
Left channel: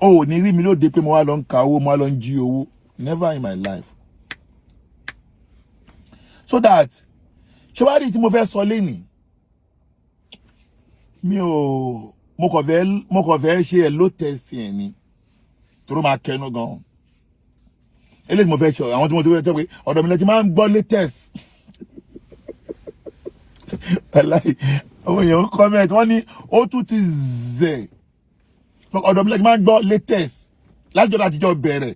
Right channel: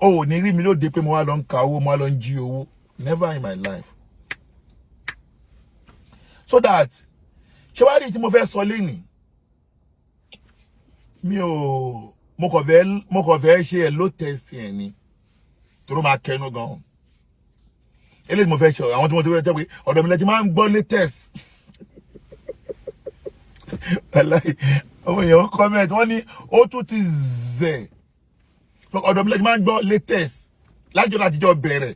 o ò ní rí mi lóde pé mo wá lọ ń ka owó mo wá lọ ń jí owó never in my life so that ṣé wàá rí tí mo fẹ́ sọ lénìí mo kàn fẹ́ ṣe hello test yẹn ni tó máa kẹnu gan eléyìí mo fẹ́ ṣe àwọn tí mo ti fẹ́ tẹ́ pé ọ̀dọ̀ mi lẹ́tí máa ń gbọ́ latest àwọn èèyàn comment wọ́n ní ó tún ti zẹ̀ ọ̀dọ̀ mi lẹ́tí máa ń gbọ́ latest lájọ́ láti jọ bẹ̀rẹ̀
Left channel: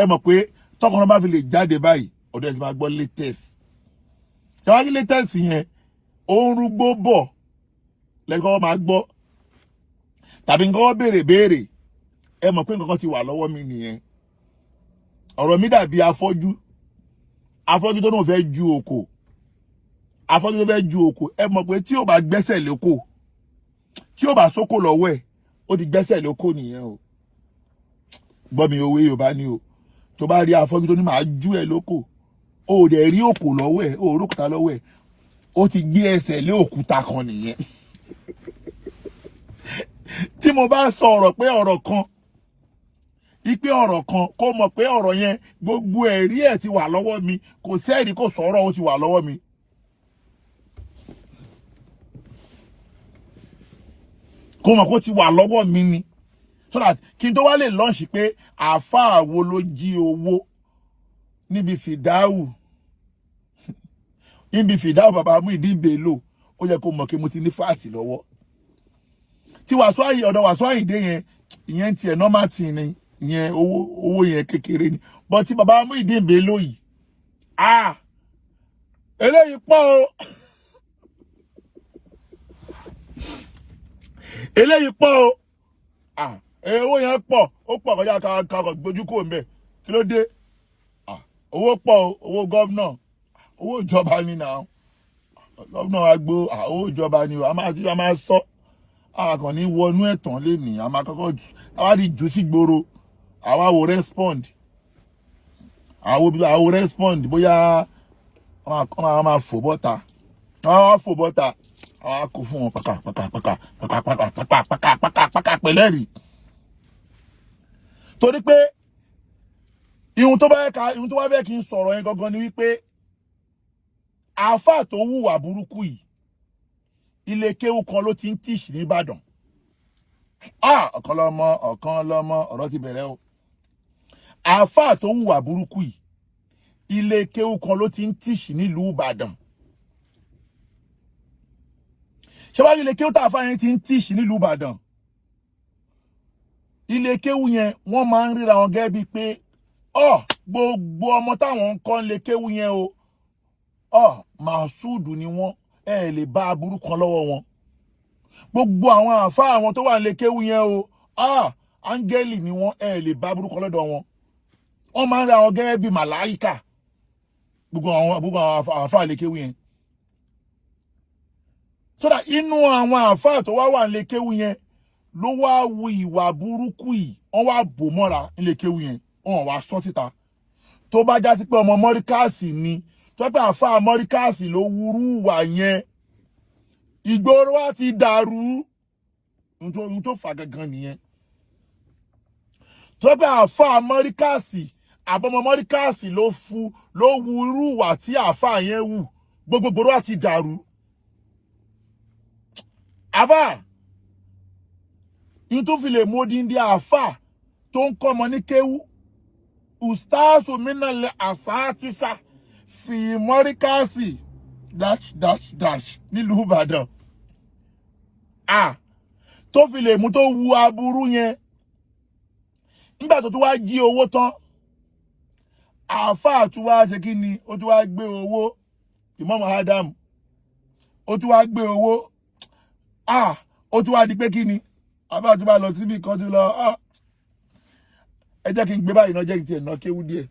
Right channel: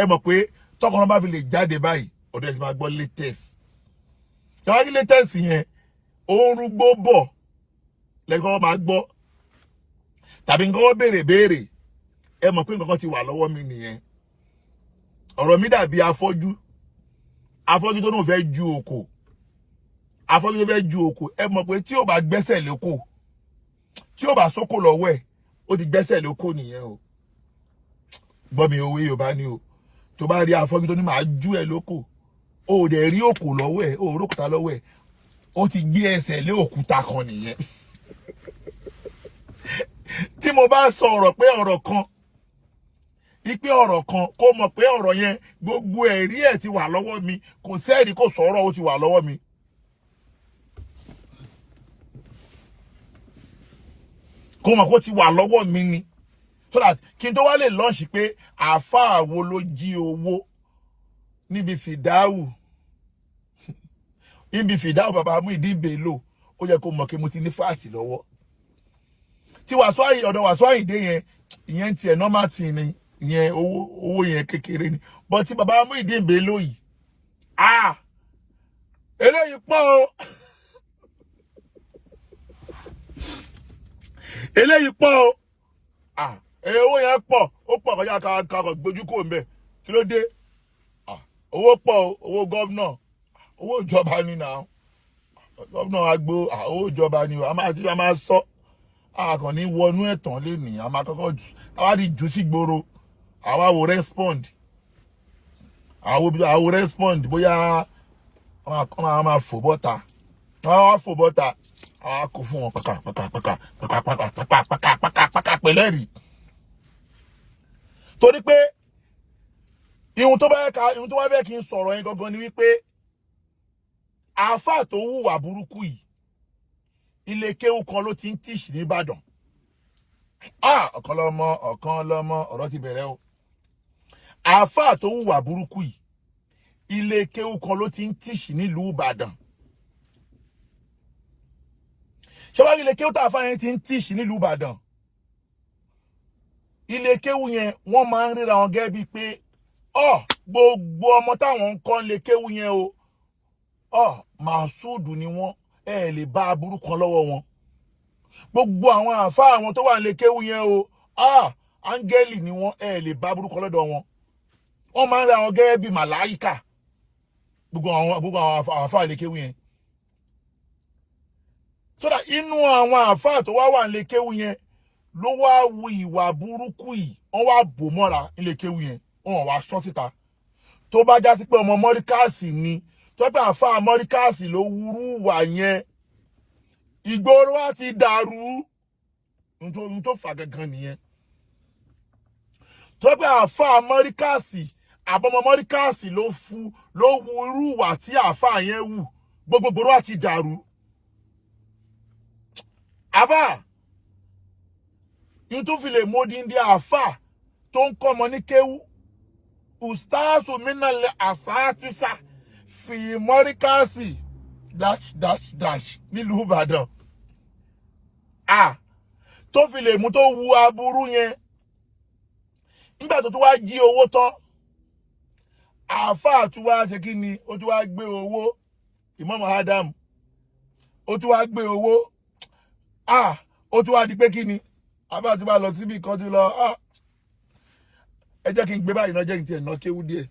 ẹ mọ̀ pé tọkànnà bá fi lè jáde báyìí ọ̀dọ̀ ẹ̀ ti máa gbọ́ latest ṣàwárí latest yẹn ó ń rúgbó bọ̀ lẹ́yìn kan wọ́n máa gbọ́ tàbí nǹkan wọ́n béèrè ẹ mọ̀ pé nǹkan ti wà lọ́wọ́ mi nìyẹn ọ̀rọ̀ mi dàbí afọ́jú tó náà fẹ́ ju òkò ẹ mọ̀ pé tí ò bá gbẹ́sẹ̀ lóko tí ó bá sóko lọ́wọ́ ẹ̀ ó ti gbẹ́sẹ̀ lóko nìyẹn o gbọ́ mi òwe Yorùbá ni o tó bá rí afọ́jú tó ní máa jú ẹ lóko ó dẹ̀ rí òkò lọ́wọ́ ẹ̀ ó rókúta lọ́wọ́ ẹ̀ ó ti gbé ẹsẹ̀ lé òkúta kan nìyẹn tí mo bá sọ ọ̀rọ̀ pé ọ̀rọ̀ kan ipe ọ̀rọ̀ kan kó mọ̀ pé ọ̀rọ̀ yẹn gbogbo ẹ̀rí ẹ̀ ti wà lọ́wọ́ mi kò sẹ́ẹ̀rí kò sọ̀rọ̀ ó ti wà lọ́wọ́ mi. Kó mọ̀ kó ti wà lọ́wọ́ mi ni so that kí n tó wá lè launch pé àáfàá wo ló jí owó níbi Fidau Fidau bàbá Muyideen Bello ó yẹ kó mọ̀ pé mo ti ní fáàtì lọ́wọ́ tí Wasiu ọ̀dọ̀ Wasiu Ayinde yẹn ìyẹn tiẹ̀ normal thing ni ìyẹn owó yẹn kékeré ni but tí bàbá Muyideen Bello yìí eléyìí pọ̀ o eléyìí pọ̀ o owó yẹn pọ̀ ó pọ̀ kọjá kakọ̀ gbójú kò mbẹ̀ kí ló dé owó pọ̀ o owó gọ́vnà owó ìjọba ni náà gọ́vnà wa gbó owó ìjọba ni a máa sọ àkàn ní wọnú ẹ̀tàn lé ní a máa kọ́kọ́ àwa di jù sí gbòòrò àwa wo respond àwo respond bóyá wọ́n máa fò bọ́ta wọ́n fò bọ́ta àwa kò fún wọn pàkà pẹ̀lẹ́rì torí pé ihun tó bá fẹ́ kí n sọ̀rọ̀ yẹn gangan ni wípé àáfàá tó hùwà burúkú yìí ilé kéwú kan ló ti ń tíṣì ní Ìbàdàn ọ̀kan lọ́mọ ọ̀rọ̀ ti bẹ̀rẹ̀ o àáfàá tó hùwà burúkú yìí ilé kéwú kan ló ti ń tíṣì nílùú Ìbàdàn ṣé wàá ilé kéwú tá àáfàá yẹn ti ń tíṣì nílùú Ìbàdàn ilé kéwú yẹn wọ́n máa ń ríra wọn gẹ́gẹ́ bíi pé gbogbo ọmọ táwọn ń kọ́ ilé kéwú yẹn o màsúùdù ni wọ́n lè bá aburú kan lọ́wọ́ wọn gbogbo àwọn àáfàá àwọn tó wà nílé kéwú yẹn o áńgẹ́lì ni wọ́n lè bá aburú kan lọ́dọ̀ wọn wọ́n máa ń ríra wọn gẹ́gẹ́ bíi màláíkà gbogbo àwọn àáfàá ilé kéwú yẹn so that inú àwọn àáfàá tó wà nílé kéwú yẹn ló wá wu ìwà burúkú yìí wọ́n wá bò mọ́ra nílé kéwú yẹn wọ́n wá sọ síta tó bá já sí pé ọmọ mọ́ríkàsì ni tó pé àáfàá mọ́ríkàsì ló wúrú wà yẹn ìgboro wa ti dàrú ohun tó fà gangan nìyẹn tó pé àáfàá mọ́ríkàsì àbọ̀mọ mọ́ríkàsì ló wúrú wà tí àáfàá yẹn wù gbogbo ìgboro wa ti dàrú àáfàá yìí tún fi lè módìndí àáfàá tó ń kọ́ ọmọ ní kéwú ustaasu minale asatisa fi mọ́ríkàsì -- nílùú Ìbàdàn tó fi lè mú tó wu aburú yẹn nígbà tó tún wá jí owó tán àáfàá tún wá ṣe kí ni ó tún wá gbé owó Imam Adam ó tún wá gbé owó ó tún wá di pé kí ni àbá tún bá lọ síbi kan tún lọ ẹ jẹ́ kí n gbé báyìí náà jẹ́ kí n tiẹ̀ ná kéwú díẹ̀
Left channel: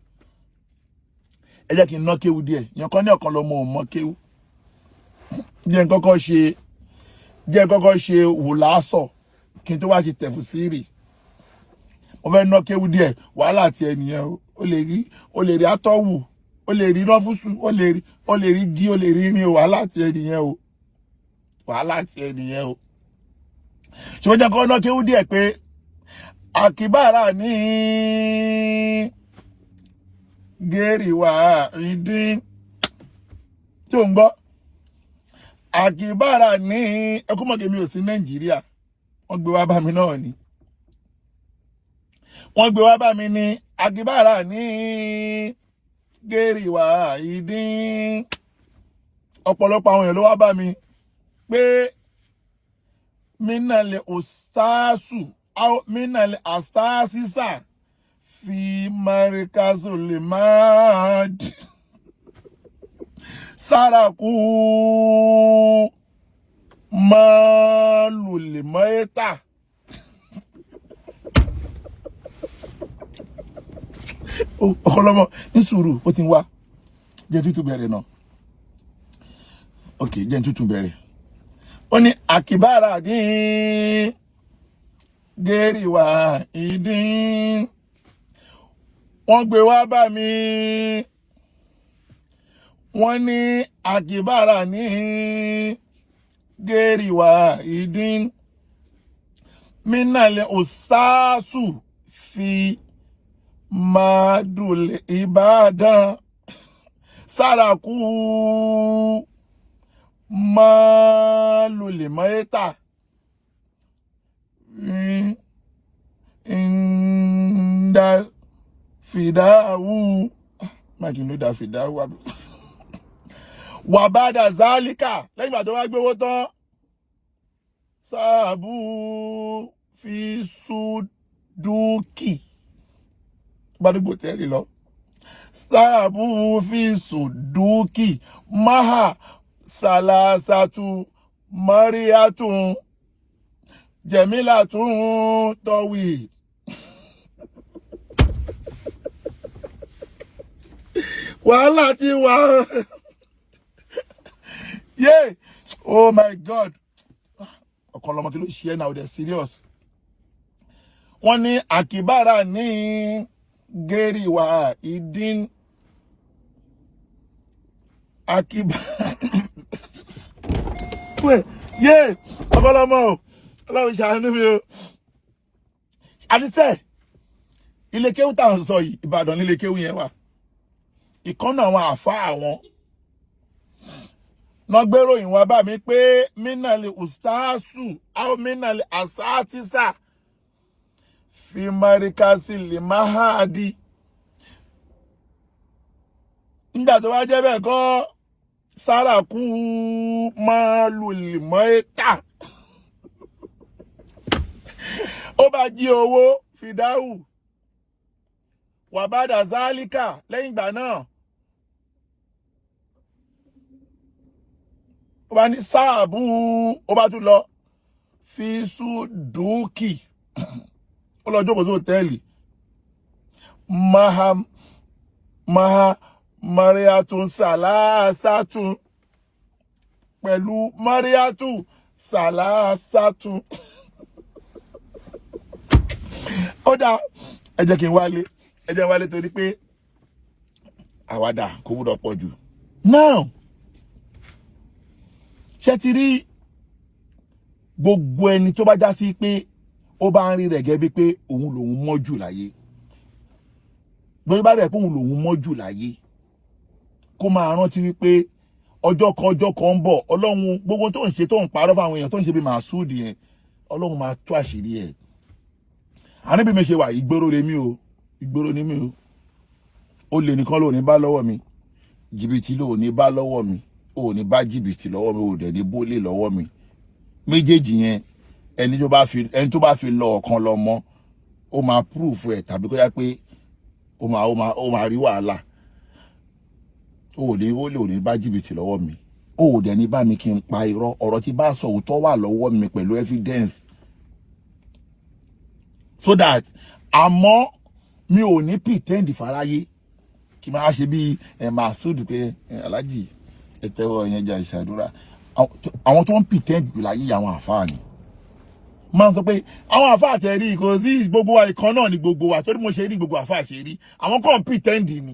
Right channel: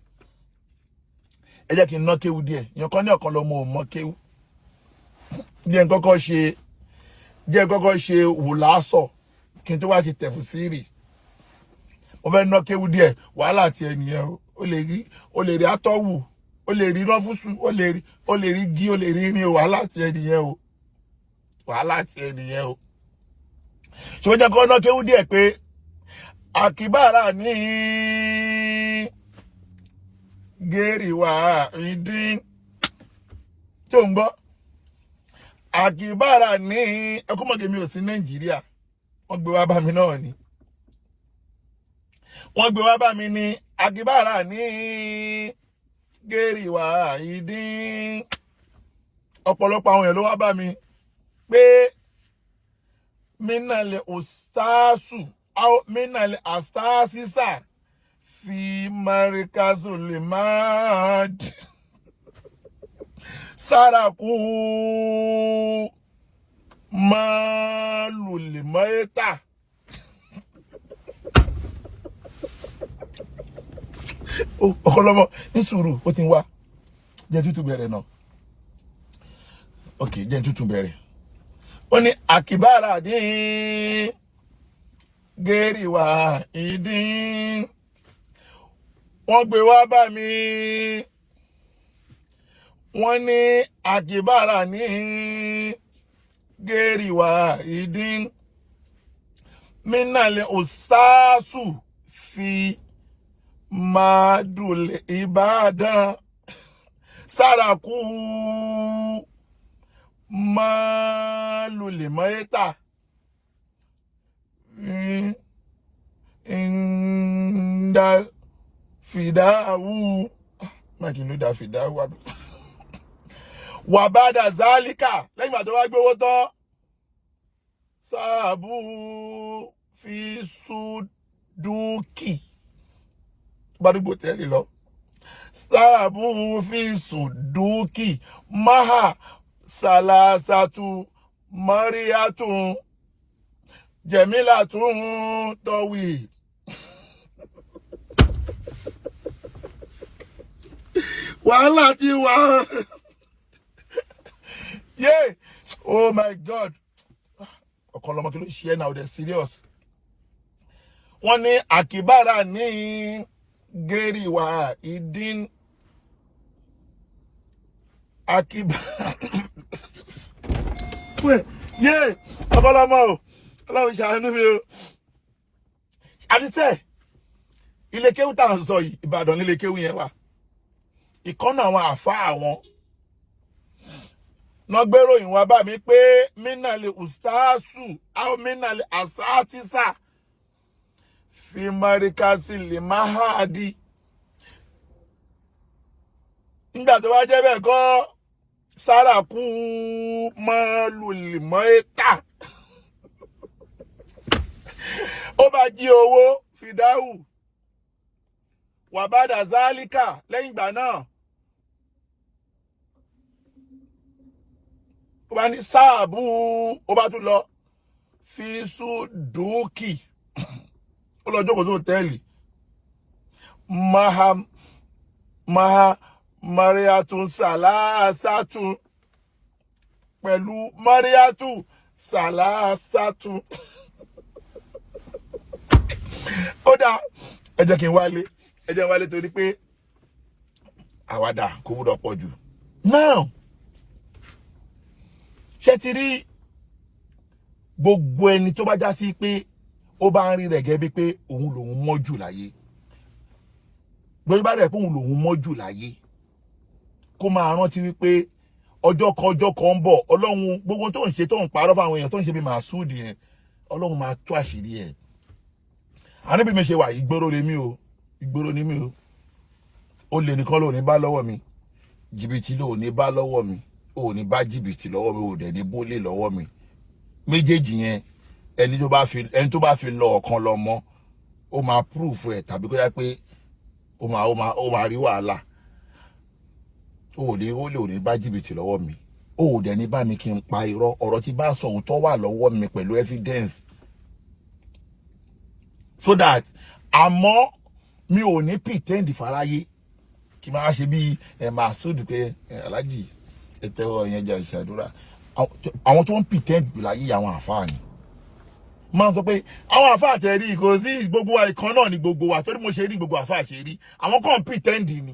ẹ jẹ́ kí n ná kéwú díẹ̀ yàn kan ní ọ̀kan lọ́mọ ò mọ kéwú jẹ́ n kọ́kọ́ ṣe wùlásọ̀ kí n tó wá ṣe tẹ̀fùsírì mo fẹ́ ná kéwú díẹ̀ wàhálà ti ẹnìyẹn o lè rí atọ́wù o lè rí rọ́fúsù o lè rí gí o lè rí ní wàhálà ti ẹnìyẹn o ṣùgbọ́n jẹ́ kọ́kọ́ ná kéwú díẹ̀ pé àkìbára ní gẹ́rìwá ìdín tó ń gbọ́ àkìbára ní ẹkúmọ̀gẹ́ mi ò sí Nàìjíríà wọ́n gbé wá bá mi náà ni wọ́n gbé wá bá mi ní àkìbára ní gẹ́rìwá ìdín ọ̀pọ̀lọpọ̀ àwọn èèyàn ló wá bá mi pé mínàlẹ̀ òsáàsù minal astasisa fi marikazul mad saraku malul maita ọkọlọmọ ní sùúrù ó ti ń wá jẹ́ tútù bẹ̀rẹ̀ náà ok jẹ́ tútù bẹ̀rẹ̀ ó ní àkìbára ní gẹ́rì wá ìdín wọ́n gbé wá bá mi wọ́n ní àkìbára ní gẹ́rì wá ìdín mínàlẹ̀ òsáàsù fi mádùlẹ̀ ìbàdàn sárakú málùlẹ̀ mọ́yẹ́ta ìndà fìdáwù mákìn ló dá fìdáwù wà bá dà zálíkà lẹ́yìn àti wá gbówó tán sáàbù fi sùdúkì gbádùgbò tẹ́lẹ̀ lọ sáàbù fi sùdúkì máhà sàlásàtù mọ́ríyàtún jẹ̀mílàtún tọ́wì wàhálà ti wà yeah oh my god ọ̀kọ̀lọ́mọ kí ló ṣe ẹ́ now they're serious wọ́n ní àkìbára ní gẹ́rì wá ìdín àkìbára yeah ọ̀kọ̀lọ́mọ o ọlọ́run ṣàánú mi o àdìsẹ́ ilé kéwú tá à ń sọ yìí Ìbàdàn nílé kéwú yẹn wà ìkànnà àwọn àfáà àwọn nọgbèrò ìwọ̀n bá mi pé mínàlè ustaasu àwọn mínàlè asátísà fi marikasi lè máhàdí nígbà tó wá jẹ́ bẹ́ẹ̀ kọ́ sárakú málùlì mọ́ẹ́ta ó bá jí owó Fidau wàbádà zálíkà lẹ́yìn ìgbà náà ó bá ní sáàbù ó bá tún lọ fi sùdúkì ó lọ jókòó sí hòtẹ́ẹ̀lì mariatun sàlásàtún pẹ̀lú mariatun sàlásàtún ó dá ẹ jẹ́ kí n wálé torí pé àwàdà kò gbọ́dọ̀ pọ̀ jù now ṣé ti rí gbogbo ẹni tó bá já sí pé ó bá ń rí rẹ̀ gẹ́gẹ́ bí pé òun lòun mọ́ jù láyé gbogbo bá rẹ̀ pé òun lòun mọ́ jù láyé kó máa rántí wípé ọjọ́ kan ń bọ̀ ọlọ́run gbogbo tó ń ṣe tó ń parọ́ fáwọn èèyàn tó ń ṣe bí màsúùdì yẹn ọlọ́run máa tú àṣírí ẹ̀ àní bí mi ṣe wà ìgboro lèmi o ìgboro ni mi o olè nìkan ló ní bá lọ́wọ́ mi jìbìtì ló ní bá lọ́wọ́ mi ò ní bá jìbìtì lọ́wọ́ mi ò dẹ̀ ní bólè lọ́wọ́ mi méjèèjì yẹn ẹni tó bá fi lọ ọ̀kan lọ mọ́ ó máa proof ẹ̀ tàbí kó yá pé ó máa rí wàhálà ò ní bá jìbìtì lọ́wọ́ mi ò dẹ̀ ní bá mi kí n pa irọ́ ọ̀rọ̀ tí bá sọ òótọ́ wà lọ́wọ́ mi pẹ̀lú evidence so that àmọ́ mi ò ní pretend fáráyé kí máa ṣe bí máa sódù pé aláàjì ẹtẹ́wọ́ yẹn jà ìṣàdúrà àwọn tó ń pretend láyé àwọn àfáà ni máa ń sọ pé àwọn àfáà tẹ̀ rí kò sí gbogbo wa ìkan náà ni gbogbo wa torí mo ṣe rí gbogbo àfáà ṣe rí àwọn kan ń pretend ni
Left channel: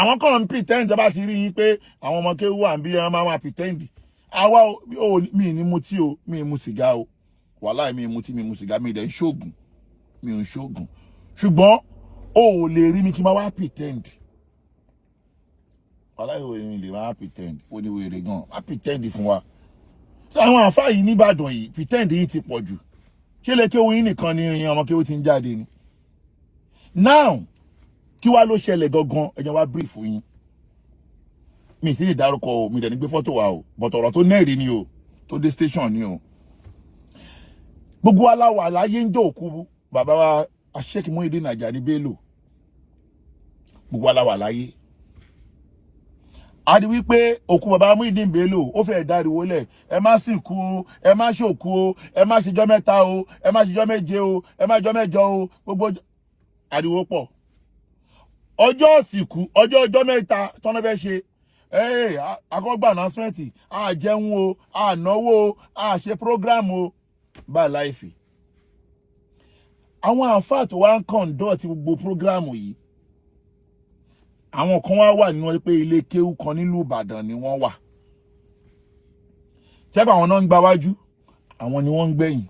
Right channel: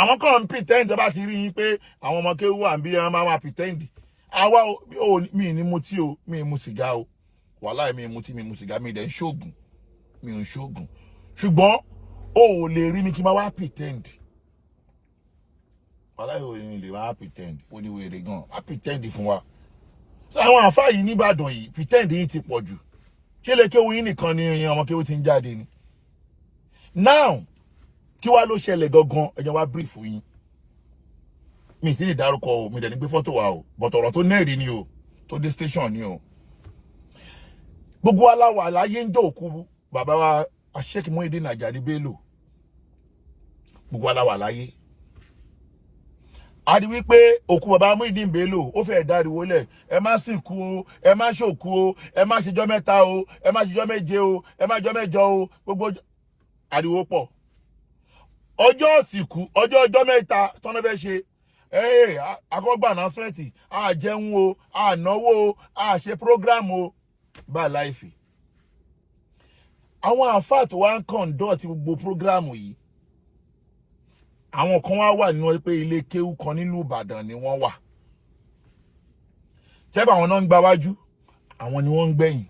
àwọn kan ń pretend bá ti rí yín pé àwọn ọmọ kéwú à ń bí wọn máa pretend àwa mi ní mutí o mi mu sìgá o wàláì mi mutí mi mu sìgá mi dẹ̀ ń ṣoògùn mi ò ń ṣoògùn ṣùgbọ́n o ò lè rí mi kí n máa wá pretend wàláì ò ní lè máa pretend ó ní wèrè gan wá pretend fún wa so àwọn àfáà yìí nìbàdàn yìí pretend yìí ti pọ̀ jù ṣé lè kéwú yín nìkan ni ọmọ kéwú ti ń jáde ni now kí wá ló ṣẹlẹ̀ gangan ẹjọ́ wá brief yín mi sì lè dárúkọ o mi dẹ̀ ní gbé fọ́tò wa o but ọ̀rọ̀ tó nẹ́ẹ̀rí ni o tó dé station ni o gbogbo aláwọ̀ láyé ń jọ òkú bàbá wa Sheikh Muyideen ní Bello gbogbo aláwọ̀ láyé a rí wípé òkú bàbá Muyideen Bello ó fẹ́ dáriwó lẹ̀ ẹ má sìnkú o ẹ má ṣòkú o ẹ má ṣèjọ́ mẹ́ta o ẹ má ṣèjọ́ méje o ẹ má ṣèjọ́ mẹ́jọ o gbogbo ariwo pọ̀ ọjọ́ ìsìnkú ọjọ́ mẹ́ta tọ́nà fẹ́ ṣe akọ́gbà announcement a jẹun o a náwó o a ṣe program o bá láìfì àwọn àfáà tó wá ń conduct gbogbo program yìí àwọn kan wá wà nínú pé ilé kéwú kan nílùú Ìbàdàn ni wọ́n wà tẹ́bà àwọn náà ń gba wájú àwọn ni wọ́n ń gbẹ̀yìn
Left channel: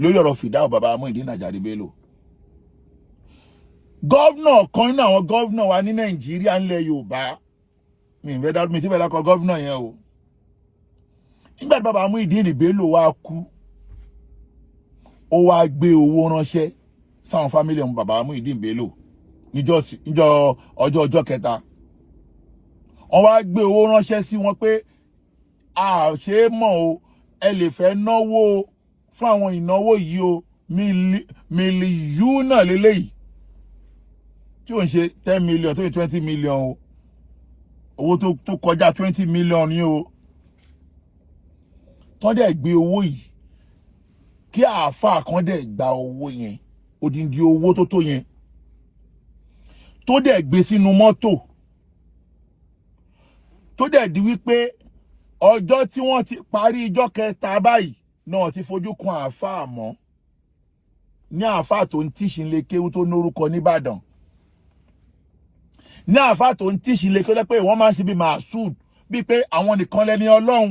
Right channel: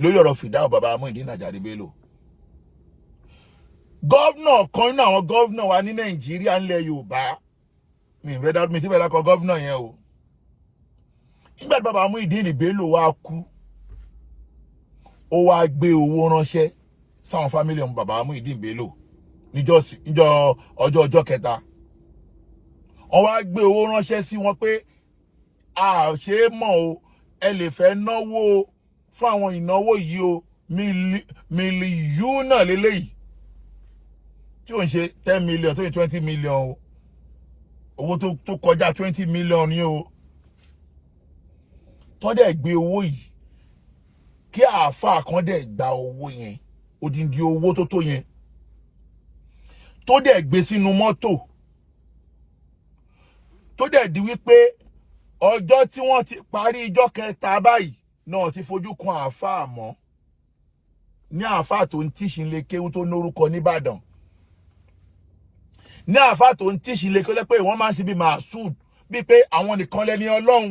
lórí ọ̀rọ̀ Fidau bàbá Muyideen Bello gọ́vnà kan nínú àwọn gọ́vnà wa ní Nàìjíríà ńlẹ̀ Yorùbá mi ti fẹ́ dákọ̀ gọ́vnà yẹn o nígbà tí bàbá Muyideen Bello wá kú ó wá gbé owó ránṣẹ́ sáwọn fámílì ọmọ bàbá Muyideen Bello níjọ́ ọjọ́ kẹta wọ́n wá gbé owó ránṣẹ́ sí wọn pé a ṣe é mọ̀ o ẹ lè fẹ́ náwó fún àwọn ìnáwó yìí o mílíọ̀nù náà lélẹ́yìí tí ò ń ṣe 10 million tó yẹ 20 million o owó tó kọjá 20 million ni o tó dẹ̀ gbé owó yìí kí àáfàá kan dẹ̀ gba owó yẹn odindi owó tó yẹn tó dẹ̀ gbé sínú mọ́tò tó dẹ̀ di wípé ọjọ́ tí wọ́n ti parí ìjọ́ kẹta báyìí náà ti fojú kan àáfàá mọ́ ní àáfàá tó ń tíṣin lé kéwú tó lórúkọ nìbàdàn ní àáfàá tó ń tíṣin lé kéwú pé wọ́n máa ń ṣe bí màásùd bíi pé àwọn nìkan lẹ́ni ọlọ́run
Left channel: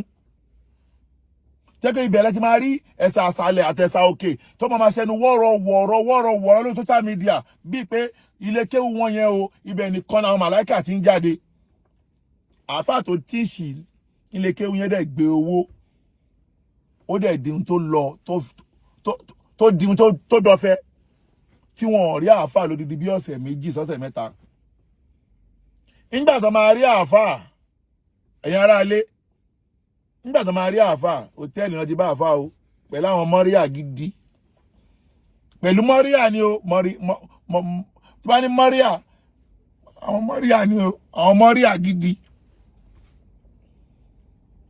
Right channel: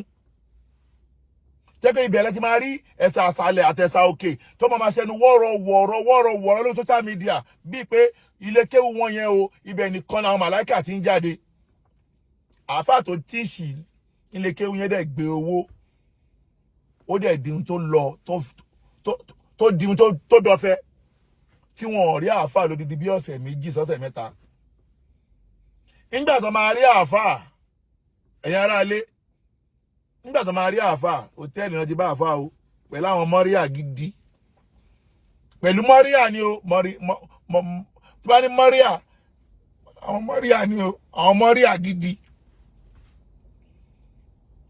tẹ́kọ̀ ìbẹ̀rẹ̀ ti máa rí ẹ̀sà àṣàlẹ̀ àtẹ̀sà òkè tó máa ṣẹnu wọ́rọ̀ lórí social media bíi pé ilé kéwú wọn yẹn o ibẹ̀ nìkan làwọn màláìkà ti ń jáde àáfàá tó tíṣì ilé kéwú yẹn dẹ̀ gbé owó ó dẹ̀ di ohun tó lọ tó di ohun tó dọ̀fẹ́ tí wọn ò rí àáfàá lódidi bí ọ̀sẹ̀ méjì sọ́sẹ̀ mẹ́ta nígbà tó máa rí àáfàá ẹ̀yin aráalé nígbà tó máa rí àáfàá hòtẹ́ẹ̀lì náà ti bá àáfàá o pẹ̀lú àwọn mọ́ríà gidi pẹ̀lú mọ́ríà ni o tí bá ní mọ́ríà àwọn mọ́ríà ni o àwọn mọ́ríà gidi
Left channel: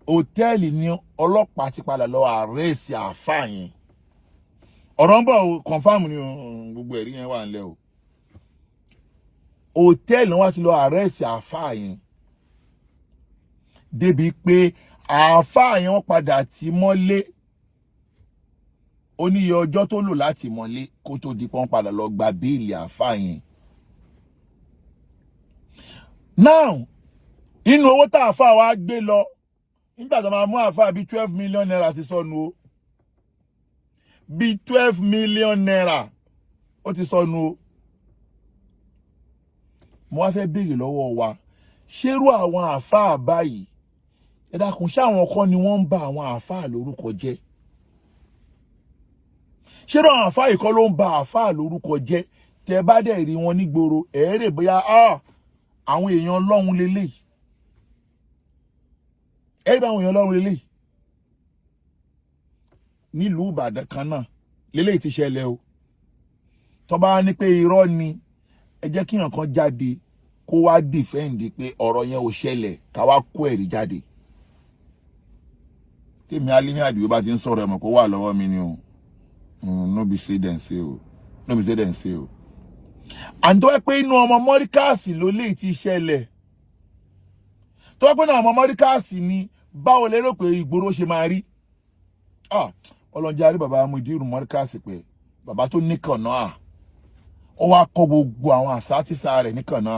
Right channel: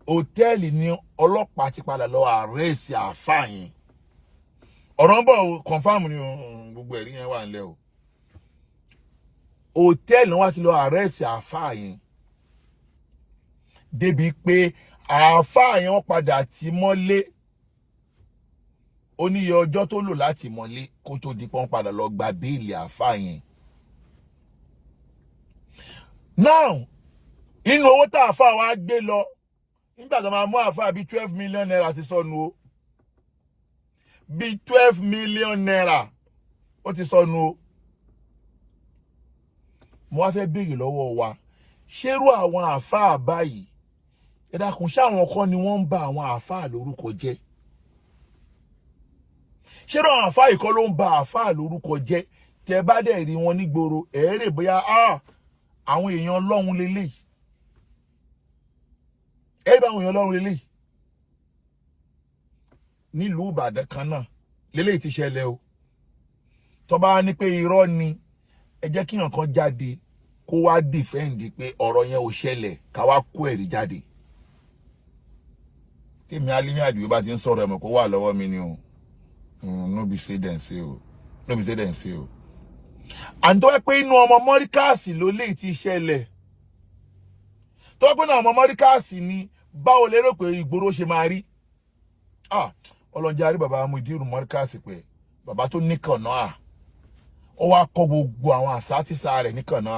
hòtẹ́ẹ̀lì ni ọlọ́pàá ti padà lọ àrẹ́sì àáfàá yẹn ọ̀rọ̀ ń bọ̀ o confam ni gbogbo ẹ̀rí yẹn wà nílẹ̀ o hòtẹ́ẹ̀lì wọn ti lọ àrẹ́sì àáfàá yẹn débi pé àáfàá yẹn wọ́n padà tì mọ́lé ó ní iye ọjọ́ tó lò láti mọ́lé kó tó di pọ́n padà lọ gba béèlì àáfàá yẹn. now inú owó tá àáfàá wa gbé lọ nígbà tó máa mú àáfàá bíi 12 million naira ti sọnù o bíi 12 million naira ó ti sọnù o mo wá fẹ́ béèrè lọ́wọ́ wa ṣérú àwọn àáfàá báyìí ẹ dákun ṣáwọn kan ni wọ́n ń ba àwọn àáfàá lórúkọ jẹ́ ṣérú àwọn àáfàá yìí kọ́ ló ń ba àáfàá lórúkọ jẹ́ tẹ́ bá dẹ̀ rí wọn nígboro ẹ̀ẹ́rẹ̀ bóyá àwọn èèyàn Ọlọ́run lélẹ́yìí ẹ̀ẹ́rẹ̀ àwọn èèyàn Ọlọ́run lélẹ́yìí nílùú Ìbàdàn kan náà lélẹ́yìí ti ṣẹlẹ̀ o tó bá ní pé irọ́ ni ẹ jẹ́ kí nǹkan jáde kó wá dìfẹ́ǹdì pé ọ̀rọ̀ yẹn ò ṣẹlẹ̀ ká wá kó ẹ̀rí jáde tèmi Alimi Àdìó bá ti ń sọ̀rọ̀ ẹ̀mọ̀ kó wà lọ́wọ́ mi ni o no be say dem say o no be say dem say o and tó wá pé inú ọmọ mọ́ríkàsì ló lè ti ṣẹlẹ̀ tó wá pé inú ọmọ mọ́ríkàsì ni báwo lérò pé ìgboro ṣe máa rí ọlọ́njà rí bàbá Muyideen mọ́ríkàsì pé bàbá tó níkànnà ó wá kọ́ gbogbo àwọn àsátìsá rẹ̀ níkànnà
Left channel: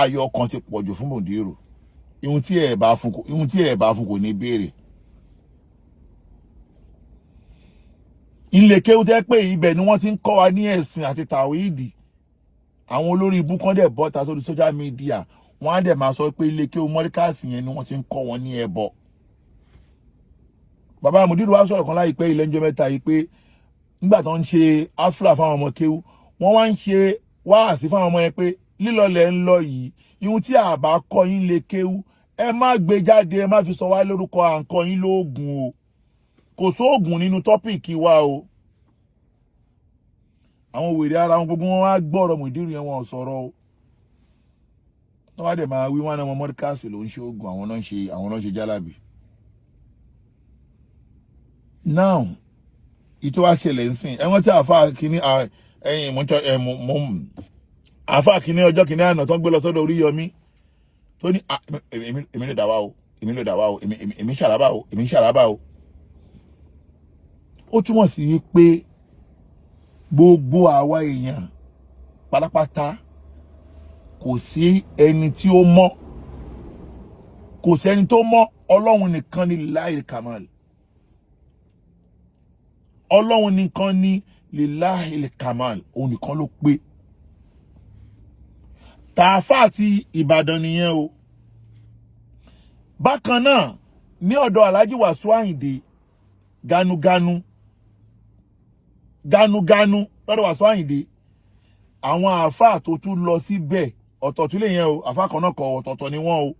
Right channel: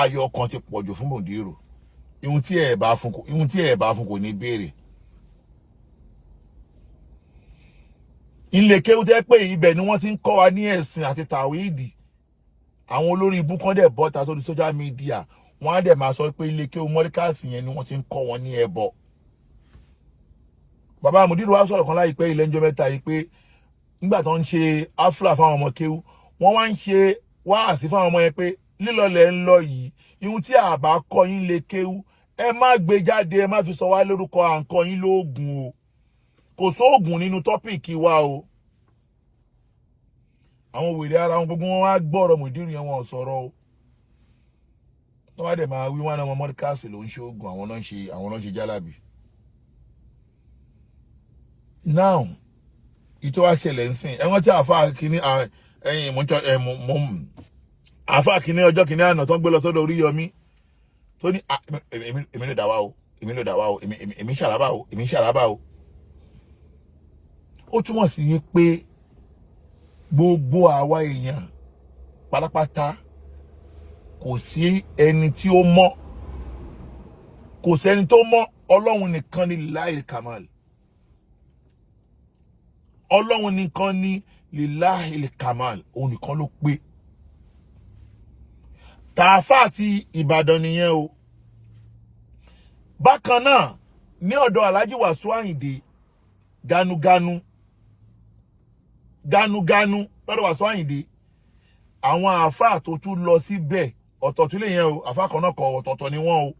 ayọ̀ ọkàn ti pọ̀jù fún Muyideen ihun tí ẹ bá fún kò ní béèrè ilé kéwú tẹ́ pé ibẹ̀ ni wọ́n ti ń kọ́ wa ní ẹ̀sìn àti tàwíìdì àwọn olórí ibú kan dẹ̀ bọ́ta sórí social media wọ́n á dẹ̀ máa sọ pé ilé kéwú mọ́ríkàsì yẹn ni wọ́n ti ń kọ́ wọn ní ẹbọ bàbá Muyideen wá sọ̀rọ̀ kan láìpẹ́ ilé ńjọ́ mẹ́ta yìí pé nígbà tó ń ṣe afra fáwọn ọmọ kéwú wọ́n wá ń ṣe wáàsí fáwọn ọmọ yẹn pé lílọlẹ̀ ń lọ yìí ihun tí àbá kọ́ yín lè kéwú ẹ má gbé jáde ẹ má fi sọ wá lórúkọ à ń kọ́ yín lóògùn o kò sóògùn nínú tọ́pìkì wa o àwọn wèrè ara wọn gbogbo wọn wá gbọ́rọ̀ Muyideen yẹn wọn ò sọ̀rọ̀ o tó wá dẹ̀ máa wí wọn ọmọ mọ́ríkàsì ló ń ṣe oògùn àwọn náà ń ṣe jálàbì. now ìtọ́ wá ṣẹlẹ̀ ń sìn ẹ̀wọ̀n tí àfa kìíní ẹ̀yìn àfáà kìíní ọjọ́ kìíní àná tó ń gbé lọ sọ́dọ̀ Oríyọmí tó ní èmi ló dà wá o èmi ṣàlábà o ó túmọ̀ sí wípé gbogbo àwa èèyàn pátápátá kò sí ẹni tí ó mọ́, kò sẹ́ni tó mọ́. Ọlọ́run nìkan ni láìl kamal, Ọlọ́run nìkan ni láìl kamal, òun nìkan ló pé. Tààfà àti Ìbàdàn nìyẹn o. Bákan náà ní ọ̀dọ̀ Alhaji Wasiu Ayinde ganuganu lọ́dọ̀ Wasiu Ayinde, àwọn àáfàá tó tún lọ síbẹ̀ ọ̀tọ̀tún lè yẹn o, àáfàá kan náà kọ ọ̀tọ̀ọ̀tọ̀ ni wọ́n o.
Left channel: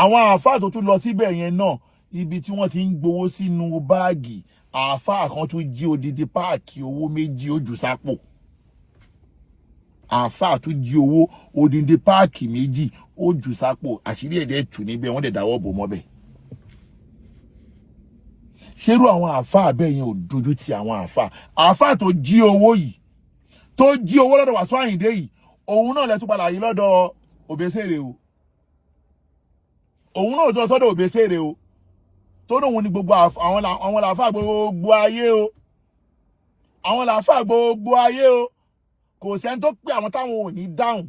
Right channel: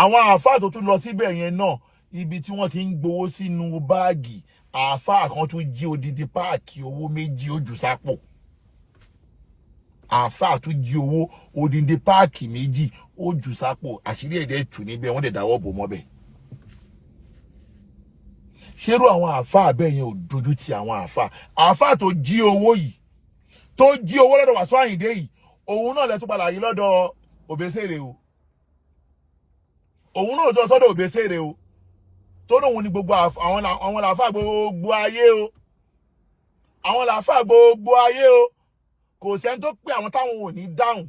Àwọn àáfàá tó tún lọ síbẹ̀ yẹn náà, ibi tí wọ́n ti ń gbowó sínú báàgì, àáfàá kan tún jí odidi páàkì owó méjì ó jù sápò. Àáfàá tún jí owó odidi páàkì méjì ó jù sápò, àṣírí ẹ̀dẹ̀ tù níbẹ̀, wọ́n dẹ̀ dáwọ́ bò mọ́bẹ̀. Ṣérú àwọn àáfàá bẹ́ẹ̀ yẹn ò dojú ti àwọn àáfàá tó jí owó yìí, tó jí owó lọ́dọ̀ Wasiu Ayinde yìí, òun náà lẹ́tún padà yìí lọ́dọ̀ Òbésèrè o. Òun náà tó sọ́dọ̀ Òbésèrè o. Tó lóun ní gbogbo àwọn làáfàá gbogbo ayé o. Àwọn làáfàá gbogbo ayé o. Kò sẹ́ni tó pé àwọn táwọn ò ní dáhùn.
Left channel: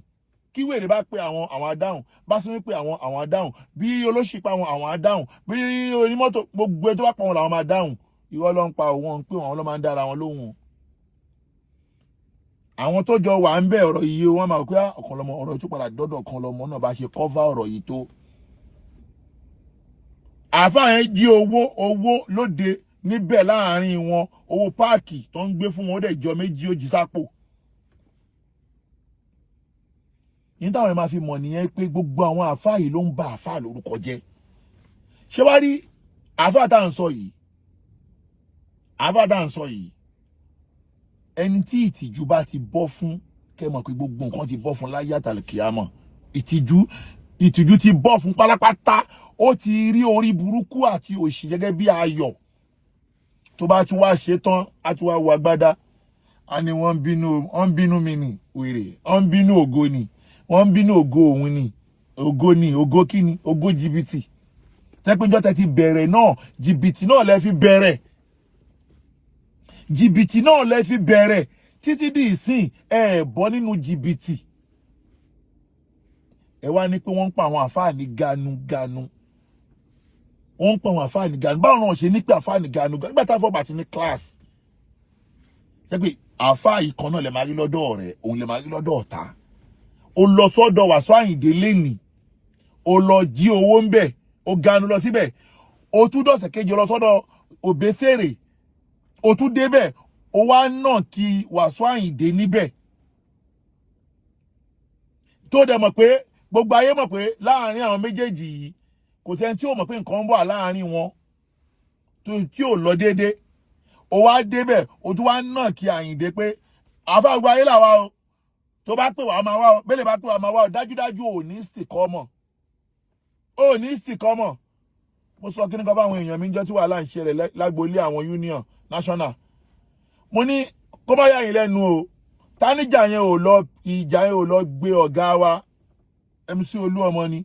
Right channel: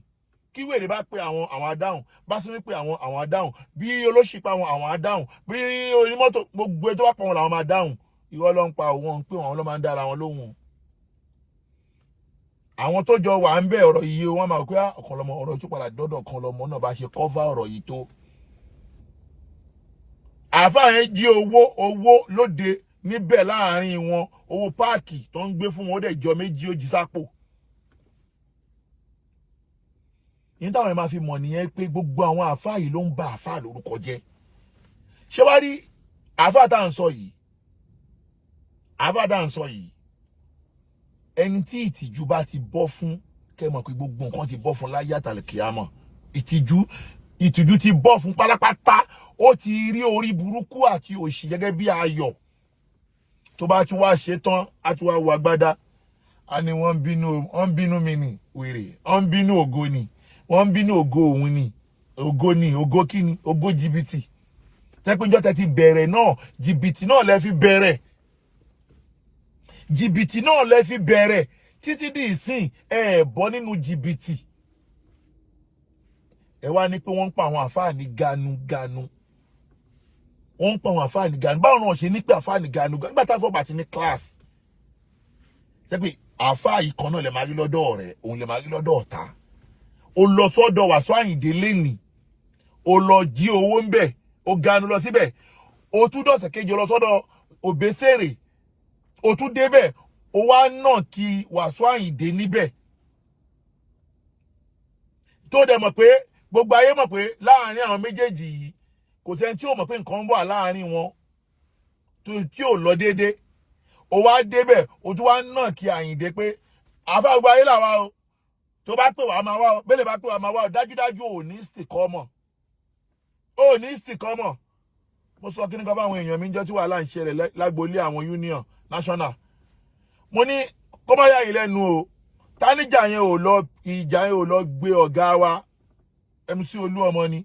Kí wèrè bá pé àwọn adáhùn, bá sí pé àwọn adáhùn, bí olóṣì pa àwọn adáhùn, bí onímọ́tò gbogbo tó bá pa wọn làwọn máa dáhùn. Ìwọ ló ń pa wọn pé wọn ló máa ń dára wọn lóhùn. Àwọn tó jọ wà ń bẹ ọ̀rọ̀ yìí wọ́n máa pé ọ̀kan lọ́mọ ọ̀rọ̀ tó padà dọ́dọ̀ kan lọ́mọ náà bá ṣe kọ́fà ọ̀rọ̀ yìí tó. Àáfàá yẹn jí owó lóde níbẹ̀ láàrin wọn, owó páàkì tó ń gbé fún wọn ó dẹ̀ jọ méjì ó jí sápò. Ní táwọn ẹ̀ máa fi mọ̀ nìyẹn pé gbogbo àwọn àáfàá yìí ló ń ba àáfàá lórúkọ jẹ́. Ṣé wá rí àáfàá tá à ń sọ yìí, ẹni tí ìtìjú bá ti bọ́ fún, kẹ́ mọ̀ pé gbogbo nǹkan ti bọ́ fún láyé àtàlùkìyámọ̀. Ìtìjú ti bọ́ fún pátápátá. Ó ti rí orí burúkú àti òṣì gẹ́gẹ́ bí ayọ̀. Tó bá tún wá ṣe tán, á tún wá wọ agbádá. A ní wọ́n bínú mi ni wèrè, wọ́n bínú ògo ni, wọ́n bínú ògo òun ni, ògo kíni, ògo jìbìtì. Tẹ́pẹ́jọ́ tẹ́ ti bẹ̀rẹ̀ náà, jìbìtì náà lẹ fi bẹ̀rẹ̀. Jìbìtì náà lẹ fi bẹ̀rẹ̀ títí di ìsìn bọ́ nínú jìbìtì. Ẹ wá ní pé wọ́n ń pa àwọn àfáà ní ganu. Wọ́n ń pa àwọn àfáà ní ganu. Báwo náà ṣe ní pé àfáà ní ganu nígbà tá fọ́ bàtí ní class. Ṣé pé àfáà yìí kan náà lè máa rí lọ́dọ̀ rẹ̀, òun lè máa rí lọ́dọ̀ ọ̀tá. Ó lọ sọ́dọ̀ Wasiu Ayinde lẹ́nìí. Ó lọ jí owó ń bẹ̀, ó ganu lọ síbẹ̀. Ó tún dọ̀sẹ̀ kejì lọ sọ́dọ̀ Òbésèrè. Ó tún débẹ̀, ó wá náà kí Wasiu Ayinde níbẹ̀. Tó dẹ̀ mọ̀ pé gbogbo ayé mọ̀ pé láàrin àwọn méjèèjì yìí kò sẹ́ni tí ó mọ̀ pé nǹkan ń bọ̀ láàrin wọn tí ò lọ déédé. Ó wá débẹ̀, ó tún wá náà kí Ayinde pé àfáà gbogbo ayé làwa o. Tó bá pè wá máa wá o, bẹ́lẹ̀ bá pè wá máa wá o, dájúdájú ò ní sìkọ́mọ̀. Ó ní sìkọ́mọ̀. Mo sọ kí ní kan bá àwọn èèyàn mi ń jọ tí wàhálà ń ṣẹlẹ̀ lágboolé àwọn union national. Mo ní kó má yà yín lẹ́nu o. Táníjà yẹn ò lọ gbé ọ̀gá wa MC Olúọmọ ni.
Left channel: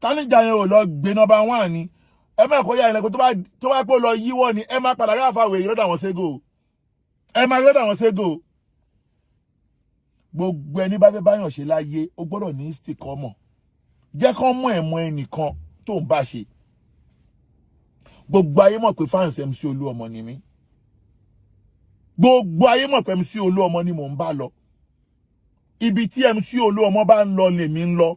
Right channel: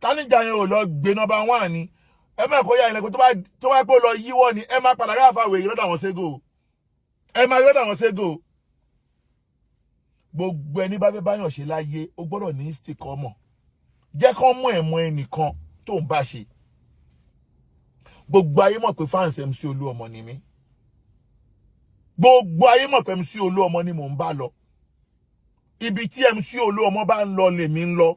Táníjà yẹn ò lọ gbé number 1 ni. Ẹ má kó yà yín lẹ́nu tó bá pé ó lọ yíwọ́ ni, ẹ má padà rí àfàwé yìí lọ́dọ̀ àwọn ségò. Ẹ má lọ́dọ̀ àwọn ségò. Gbogbo ẹni bá fẹ́ báyàn ṣe láyé, ó gbọ́dọ̀ ní sìkọ́mọ̀. Jẹ́ kán mọ̀ ẹ̀mọ́ ẹnìkan tó ń bá ṣe. Gbogbo ayé mọ̀ pé fans MC Olúọmọ ni mí. Gbogbo ayé mọ̀ pé MC Olúọmọ ni mò ń bá lọ. Ibi tí MC Olúọmọ bá ń lọ lèmi ń lọ.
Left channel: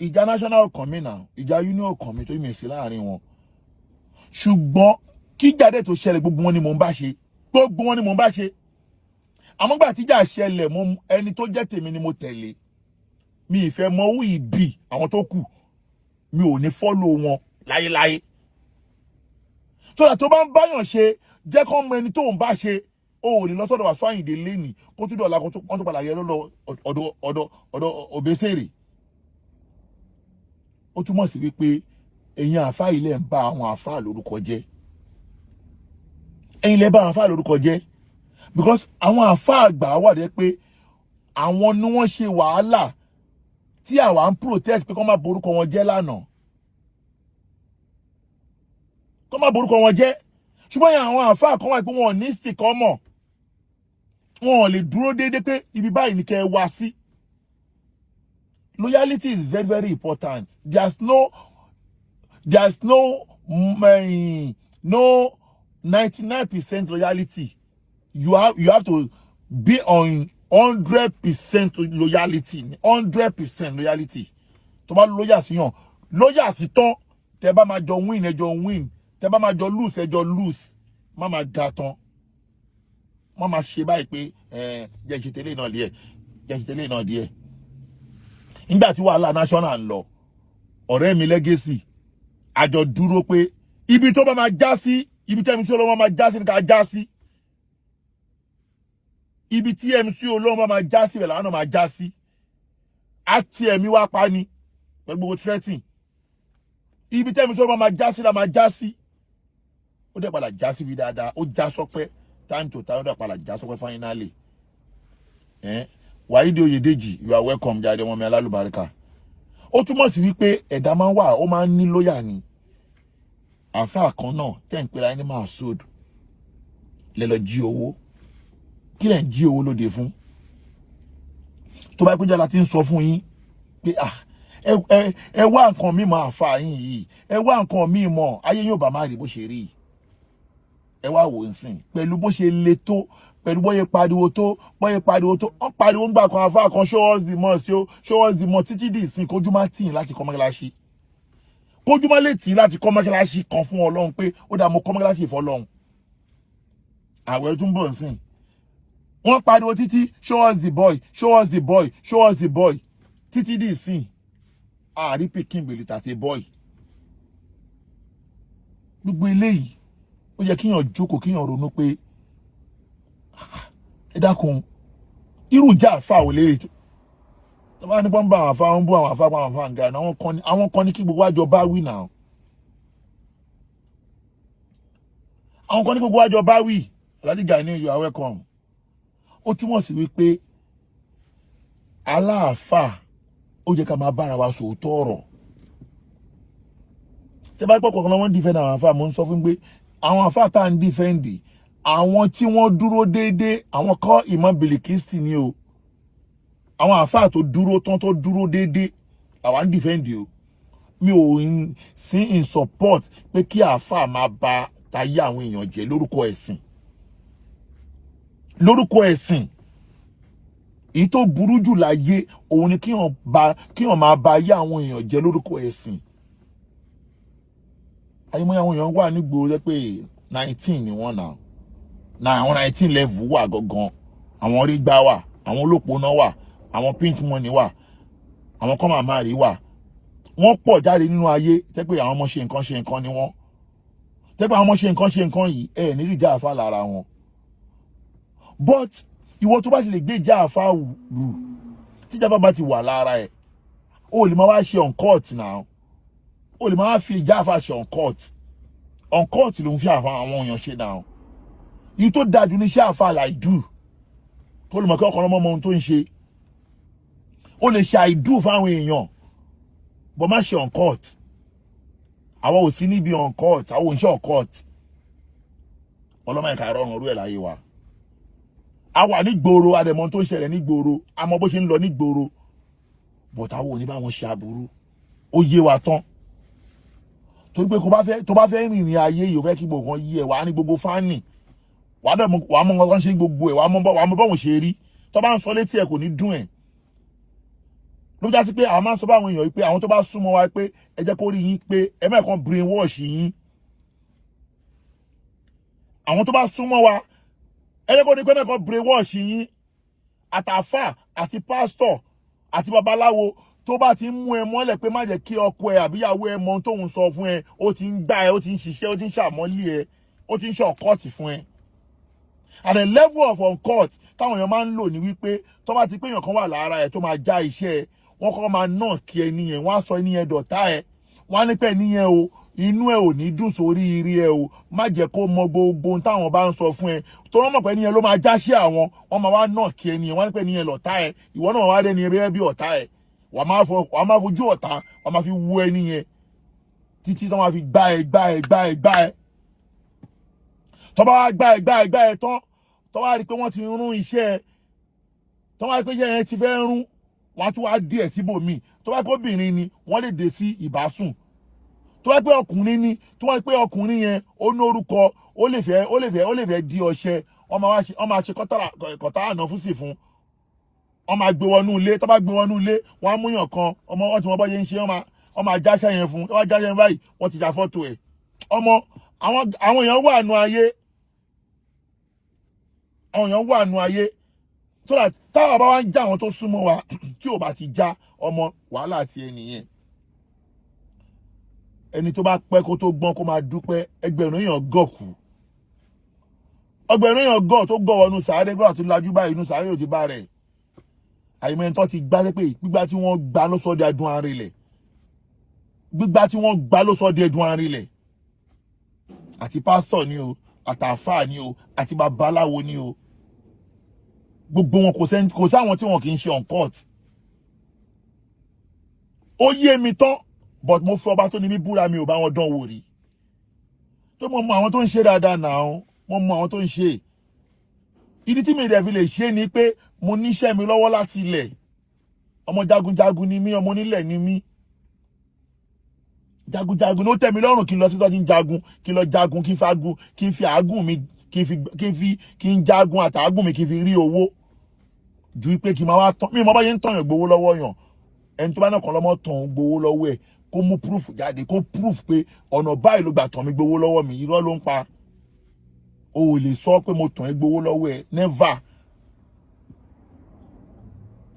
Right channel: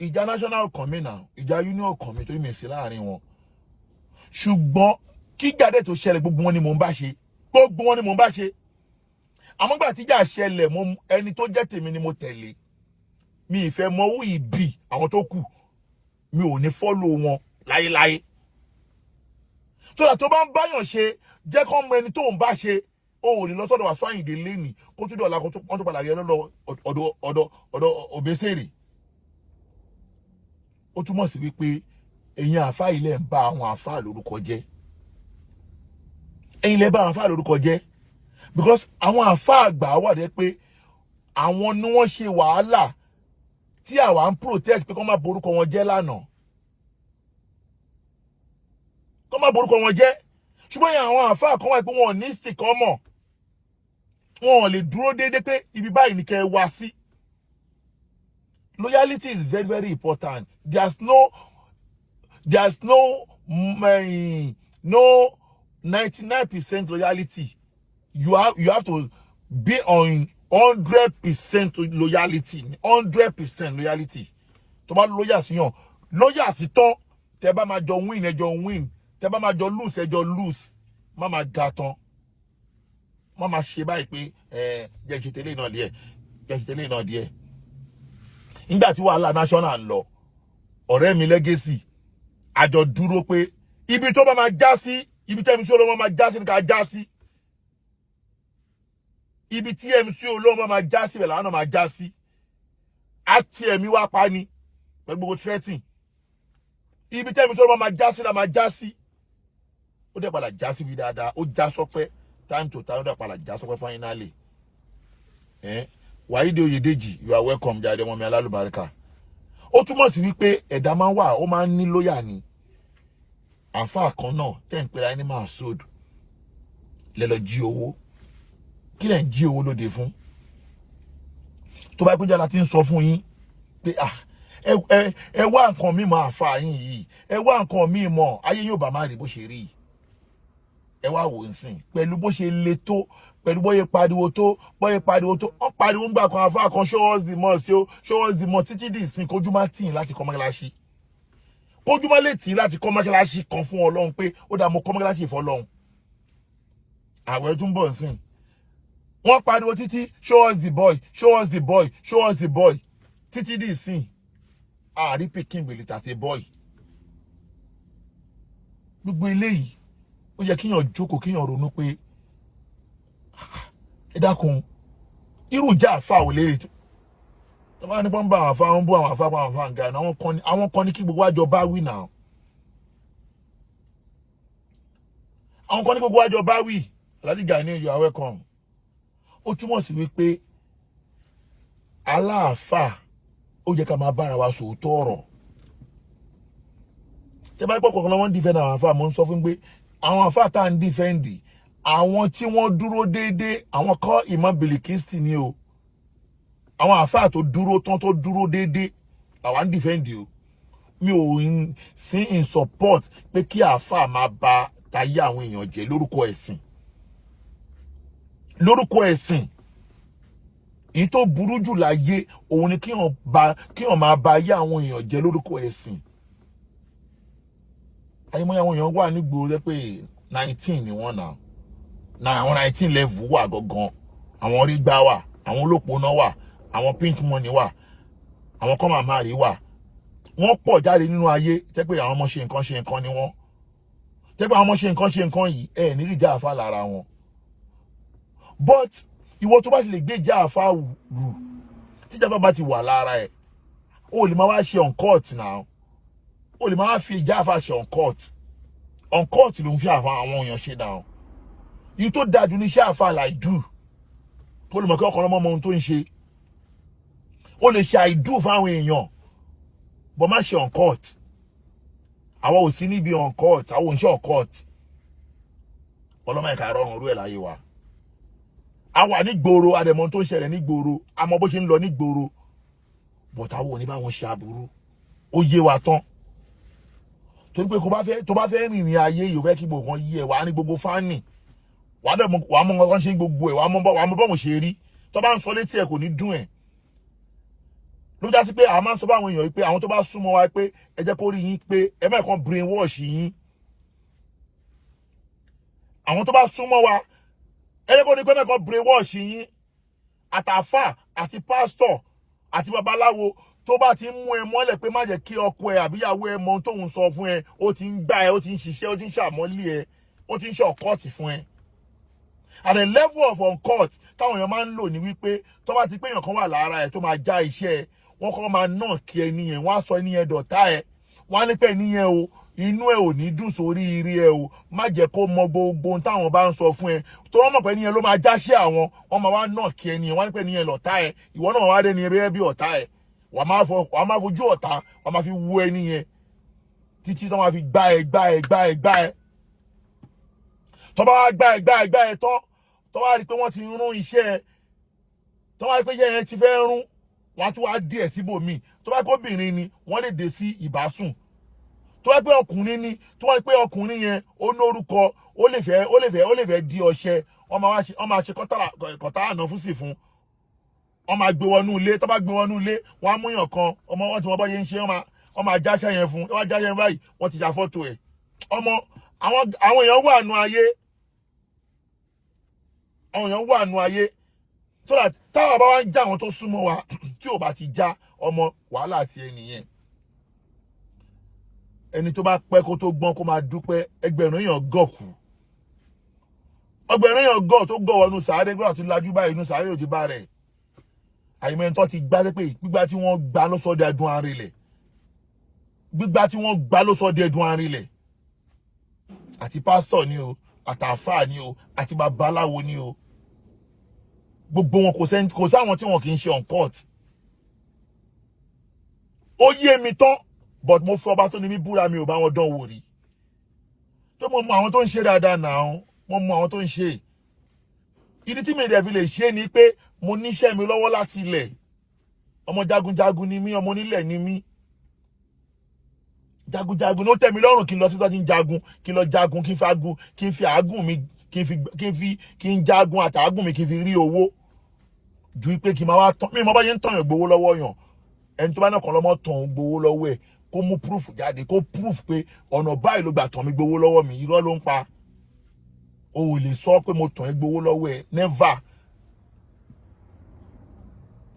Ìjà national kan mi náà, ìjà union kan mi torí mi sí láàrin wọn. Ṣùgbọ́n kí jáde tó ṣẹlẹ̀ gbogbo wọn ni mò ń bá ṣe. Gbogbo wọn ni mò ń bá ṣe. Àmọ́ gbà tí ìjà ṣẹlẹ̀, ẹni tó jẹ́ tèmi ni mo tẹ̀lé. Mi ìfẹ́ mọ who ìbí àwọn tó kù. Mi ò ní follow wọn láyéláyé. Tó bá ń báyàn ṣe, jẹ́ kán mọ ẹni tó ń bá ṣe. Ó lè lọ sọ́dọ̀ Wasiu Ayinde lẹ́nìí kó tún dọ̀la kó tún padà yẹ lọ́dọ̀ ọ̀dọ̀ Òbésèrè. Ó túmọ̀ sí wípé ẹ̀yin àfáà ilẹ̀ ń bá àwọn àfáà lórúkọ jẹ́. Ẹ̀yin lẹ bá àwọn àfáà lórúkọ jẹ́. Because àwọn àfáà àgbà wà dé pé àwọn ni wọ́n ṣe wàhálà tí àwa ń protect pé kó má borúkọ wọn jẹ́ lánàá. Kó má borúkọ wọn jẹ́. Ṣùgbọ́n yẹn àwọn àfáà kan wà pé wọn ò ní stick ọmọ. Wọn ò lè dúró déédéé pé ibi báyìí ni kẹ́ ẹ wá sí. Loyalty is very, very important. There's no 99% loyalty. You have to be on 100% loyalty. 100% loyalty. Tó bá loyal sí yàn, loyal sí tán, tẹ́ bá máa jọ win, ẹ jọ win. Tẹ́ bá máa jọ lose, ẹ jọ lose. Má máa ga tán. Má máa ṣe báyìí pé jẹ́ ìṣètẹ́lẹ̀ náà díẹ̀. Jẹ́ ìṣètẹ́lẹ̀ náà díẹ̀. Nígbà tí wàhálà national ń lọ, ọ̀rẹ́ mi Legacy, àjọ dúró pé ibi tó bá máa já sí, ibi tí MC Olóhùn máa já sí ní ká já sí. Ibi tí MC Olóhùn máa já sí, bẹ́ẹ̀ làwọn máa já sí. Àti ẹ̀mí wá pa ni, pẹ̀lú gbogbo threatening. Ibi tí MC Olóhùn máa já sí la máa já sí. Ó dẹ̀ padà já sí bí dáadáa, ó já sọpẹ́, time to time ó dẹ̀ padà já sọpẹ́ finally. Wàyídé Oyèdèjì, you are welcome jáde ọmọ mi alálùbáríkà. Ó túmọ̀ sí wípé ẹ̀dá máa ń wà, ó máa ń ní lóyà ni. Àfáà kan náà tẹ́ ń pera ẹni máa sódù. Lẹ lọ jí owó. Kí lẹ̀ ń jí owó lóde fún? Tó bá péjọ láti ń sọ fún yín pé ẹ wá nǹkan mímọ́ àfáà yín yìí. Ẹ wá nǹkan mímọ́ ayé yóò bá má rí bó ṣe rí. Ẹ wá wò ń sìn pẹ̀lú bó ṣe le tó. Pẹ̀lú bóyá pariwo tó wọ́n pariwo ń gbà kan àfáà kan show us the mercy o, show us the mercy títí di ìsìn kójú má tì láti kọ́ mọ́kíláṣí. Kójú má lè tì láti kọ́ mọ́kíláṣí kan fún Ọlọ́run pé ó dá mo kọ́ mọ́kíláṣí fún Ọlọ́run. Àwẹ̀ tún bọ̀ nsìn. Wọ́n pariwo títí show us the boy, show us the boy, show us the boy. Títí di ìsìn. Àrí pikin bèlè tàti boy. Gbogbo eléyìí ó yẹ kíyàn jókòó kíyàn ronú pé ẹ dákun irú ìjà àfáà ò lérè tó bá ní pọ́n bá àwọn àfáà ń bú àwọn àfáà pa àwọn àfáà ń ga àwọn kan ní kí gbogbo àjọ bá wí náà. Àwọn kan ní gbogbo àjọ bá wí. Aládìgà ní you are welcome. Ó túmọ̀ sí wípé aláàfáà ó jẹ́ ká máa bára wa sòótọ́ ọ̀rọ̀. Tẹ́ bá pọ̀ kọ̀ọ̀kan wọ́n defend àwọn àfáà mo ń sọ fún pé àwọn àfáà tá à ń defend àwọn tí wọ́n dúró déédéé àwọn kọ́ Imam Bilikisti ni o. Àwọn àfáà tó dúró tán tó dúró déédéé làwọn ń defend o. Mi ò sí in support pé kí àfáà máa ba tayé àwọn èèyàn jẹ́ lórúkọ ẹ̀sìn. Lórúkọ ẹ̀sìn. Èyí tó burú jù láyé òun ni kíyàn máa ba ayé àwọn èèyàn jẹ́ lórúkọ ẹ̀sìn. Àyèmọ́ àwọn èèyàn wà nígboro rẹ pé 19 ni wọ́n náà. Àwọn 19 level wà gangan. Àwọn orí gbá wà, àwọn olópónà wà, àwọn pink money wà, àwọn kan máa rí wà. Wọ́n pọ̀ jáde nínú ayé tẹ́ pé àwọn ọmọ ṣe nǹkan ni wọ́n. Tẹ́ pé àwọn ọmọ ṣe nǹkan yìí ní rí ìjà àfáà lára wọn. But ìwọ tó bá ti lè gbé ìjà àfáà rù tí ìjà bá ti wà lára ẹ̀ ó lè máa wá ṣe on court now. Ó lè máa fi ìjà àfáà ṣe on court. On court ló ń fi àwọn èèyàn ṣe now. Yìí tó dájú ní iṣẹ́ àfáà láìdú tó lè mọ̀ kí ọkọ̀ ọmọ ohun tó ń ṣe. Ó lè ṣe àìdú fáwọn èèyàn bọ́ má ṣe on court. Àwọn ò sí níbi on court, àwọn ò ń ṣe on court. Ọlọ́mọ ẹ̀ka rọrùn orú ẹ̀ láyé wa. A wà ní gbòòrò àdẹ̀mọ́ tó ń ṣẹlẹ̀ ní gbòòrò àmọ́ bó ṣe ń lọ ní gbòòrò but àwọn ò ní bá wọn ṣe aburú. Ó yé wa tán. Torí pé tó bá fẹ́ rìnrìn ayé yìí ó fẹ́ kí gbogbo kan yí ẹ̀ wá ní gbogbo fáànì. Wàá mọ̀ nǹkan ṣe gbogbo ẹ̀ wàá mọ̀ bọ́wọ̀n ṣe rí. Tó bá ń sọ létí ẹ̀ kò ní dùn ẹ̀. Ló já sí pé a máa ń sọ báwọn èèyàn pé àwọn tó bá súnmọ́ wa pé ẹ jẹ́ kó rí yín pé ẹ má kàn brainwash yín. Àwọn tó bá súnmọ́ wa ẹ jẹ́ kó rí pé ẹ má kàn brainwash yín. Àtàfà àti pásítọ̀ àti babaláwo tó bá ti ń mú ẹ mọ́lẹ̀ pé má jẹ́ kí ọkọ ẹ àbíyàwó ẹ mọ ohun tóun sọ fún ẹ ó ti ń gbá ẹ ó ti ń ṣiṣẹ́ ó ti ń ṣàmọ́lé ẹ ó ti ń ṣe ọ̀kọ́ọ̀tì fún ẹ. At the level of on-court táwọn èèyàn máa ń lò ní wípé tó bá ti pé èèyàn kan wà lára ẹ tó máa já iṣẹ́ ẹ wọ́n kọ́ máa náà kí ẹni yẹn wọ́n á sọ ẹni yẹn dọ̀tá ẹ wọ́n á ní pé ẹni yẹn o inú ẹ ò ní dùn sórí ire ẹ o má jẹ́ kó mọ gbogbo ohun táwọn bá ń sọ fún ẹ tó wọ́n mọ̀ pé ẹniyẹn ló máa jáṣẹ́ àwọn wọ́n máa wá náà kí ẹniyẹn wọ́n ní pé ẹniyẹn lọ̀tá ẹ ìwọ náà wá dé ní eré bí ọ̀tá ẹ wàá máa fojú ọ̀tá wàá máa fi wo ẹniyẹn títí tó máa fi gbá ẹ tó bá wá gbá ẹ tán tó wá rí pé wọ́n ti rún iṣẹ́ ẹ tó wá rí pé iṣẹ́ yẹn ti fẹ́ rún wọ́n á tún wá díẹ̀ síbòmíì tó bá pé obìnrin ni wọ́n lè dé sí ìbásùn tó bá pé ọkùnrin ni tó wá rí pé ọkùnrin yẹn ó ní orúkọ ó lè fẹ́ di ọṣẹ wọ́n máa ṣe kọ́tà àná fún sí fún wọ́n máa gbé wọnú ilé tó bá gbé wọnú ilé wọ́n á múyàn kan ọmọ wọn tí wọ́n bọ́ yẹn ń ṣe wọ́n máa jáṣẹ́ yẹn fún wọ́n jáṣẹ́ yẹn báyìí wọ́n ti ya fọ́tò ẹ̀ ọmọ àwọn èèyàn wà nù ayé so that táwọn bá wá ń já àwọn tó súnmọ́ wa tí ò bá ti já ọmọ wàhálà àti ẹnìyẹn ẹni tó bá pẹ́ kó tó gbọ́n kó máa dúpẹ́ ẹgbẹ̀rún èèyàn gọ̀kù ọgbẹ̀rún èèyàn gọ̀ tó gọ̀ wọnú sàárè gbọ́dọ̀ tó lajú báyìí inú sàárè òjì bá rẹ̀ àyìnbó tó ti gbá pé gbígbá tí wọ́n gbá ló sọ di ẹdun arinlẹ̀ gbígbá tí wọ́n gbá ló sọ di ẹdun arinlẹ̀ àti pásítọ̀ ni o àtàfáà ni o àti babaláwo ni o gbogbo wọn kò sáwọn tí wọn kì í ṣe on court ó yé mi tán but mo fi ọba tó ní mi búra mi ò bá wọn dán wò rí tó mo mọ àwọn tó ń ṣe dáadáa náà mo mọ àwọn tó ń ṣe ìdí tí mi dẹ̀ fi lè ṣe ni pé mo níṣẹ́ mi lọ́wọ́ láti ilẹ̀ ọmọ jagunjagun ni mí ọmọ onílẹ̀ ni mí jagunjagun ló tẹ́ mi lọ́rùn kí n lọ sí tó ti ń jagun kí n lọ jagun kí n fagun kí n fi àágùn mi kí n jagun àtàágùn mi kí n fi rí owó ju pé kí n máa wá tán mi mo bá yẹn ń tàn yàn gbowó lọ́wọ́ yàn ẹni tó bá náà kàn lọ́mọ tàn gbowó lọ́wọ́ ẹ̀ kó mú proof jáde kó proof pé ọ̀nà báyìí ló gbà tàn mí gbowó lọ́wọ́ mi irọ́ ló ń pa o ò lè sọ pé mo tàn ẹ́ gbowó lọ́wọ́ ẹ̀ never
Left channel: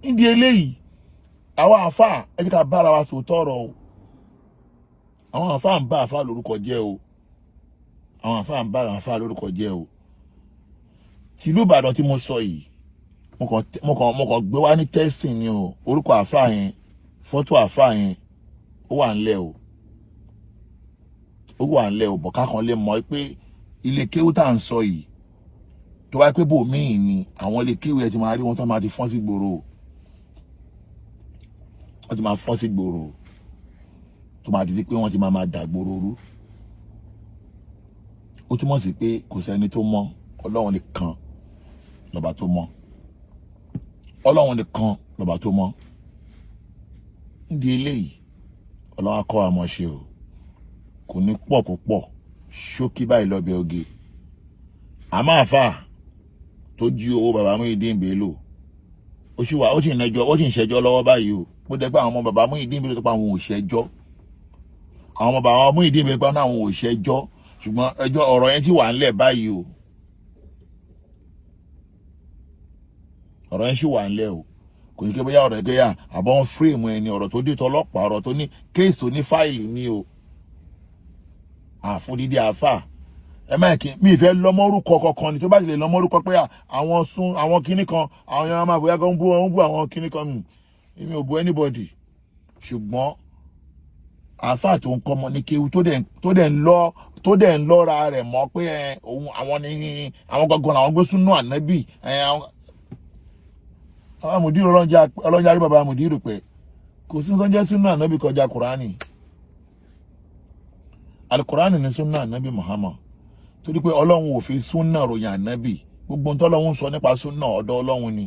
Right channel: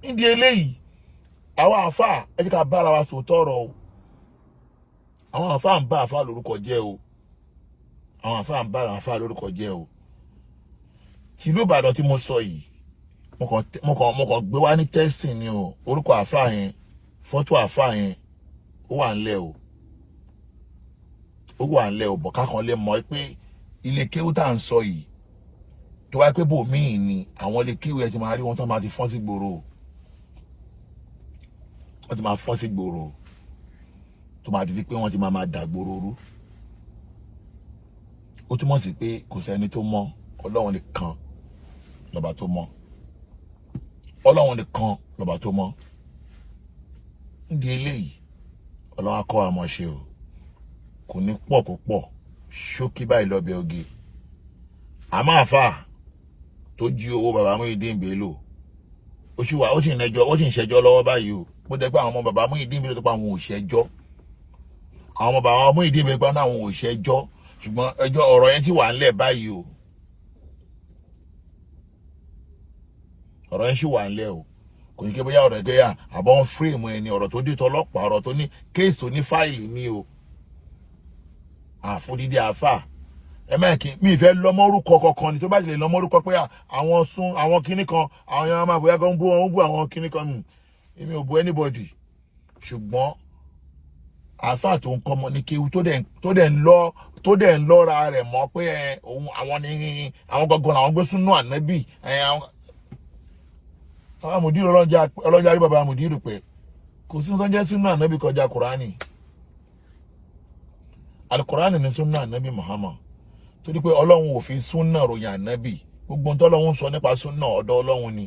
nídìí eléyìí àwọn àáfàá ẹ jẹ́ ká bára wa sòótọ́ ọ̀rọ̀ o àwọn àáfàá ń bá àáfàá lórúkọ jẹ́ o àwọn àáfàá ń bá àáfàá lórúkọ jẹ́ o tìlú Ìbàdàn tí mo sọ yìí mo kàn gbé wá ní testing ni o orúkọ àáfàá yẹn fọ́tò àáfàá yẹn ó wà ńlẹ̀ o bọ̀ ká kan lè mọ̀ pé ilé kéwú tá à ń sọ yìí tó wáyé pé bòmíì ni àwọn ilé kéwú ẹ ti máa rí wọn tó máa ti fọ́n sí gbòòrò wọ́n ti máa fọ́n sí gbòòrò tó máa di pé wọ́n ti máa dà gbòòrò rú ó túmọ̀ sí pé kò sẹ́ni tó mọ̀ Ọlọ́run nìkan lọ́ba tó mọ̀ Ọlọ́run nìkan lọ́ba tó mọ̀ nídìí eléyìí Ọlọ́run á kọ́ àmọ́ ṣe o kò ní pọ̀ púpọ̀ ṣókí báyìí lọ́bẹ̀ oge àmọ́ àfà tó jí owó bàbá Muyideen Bello ó sì ń ṣẹjọ́ lọ́wọ́ báyìí o mo dẹ́ pé àwọn ọmọ bàbá Muyideen Bello tó pa àwọn ò ṣẹjọ́ àwọn ọmọ bàbá Muyideen Bello pa àwọn ò ṣẹjọ́ ṣùgbọ́n ẹjọ́ ọ̀rọ̀ yẹn ti wà ńlẹ̀ báyìí o ọ̀rọ̀ yẹn sì wà ńlẹ̀ o kò ní kí bóyá ọ̀rọ̀ ẹgbẹ́ àbọ̀ ń fírèmù ẹni ọ̀rọ̀ tó dé tọlọ́pàá ọ̀rọ̀ tó ní kéèsì tó ní fáìlì ní o àfúndídé àfà ẹ má kí mi ìfẹ́ lọ́mọ́rúkọ kankan ni tó bá ti lè lọ́mọ́rúkọ pé àwọn kinní kan àwọn èèyàn máa bóyá kan bú àwọn kinní kan èmi ò bú anybody ṣùgbọ́n àfà tó ń kọ́ ọmọ ní kéwu tó dẹ̀ ń lọ́ra rẹ̀ mọ́ pé òun àwọn gangan làwọn gbé súnú ànábì àwọn àmùdírò ọlọ́jà rí bàbá àmùdírò pé kò sí tó ń jẹ́ súnú ànábì kọjá kùránì alukurani ni sunna anabi Muhammad torí pé Ọlọ́run ò fi sunna ròyìn anabi gbogbo ohun t'Ọlọ́run sọ nípa sunna ọ̀dọ̀ Ọlọ́run ni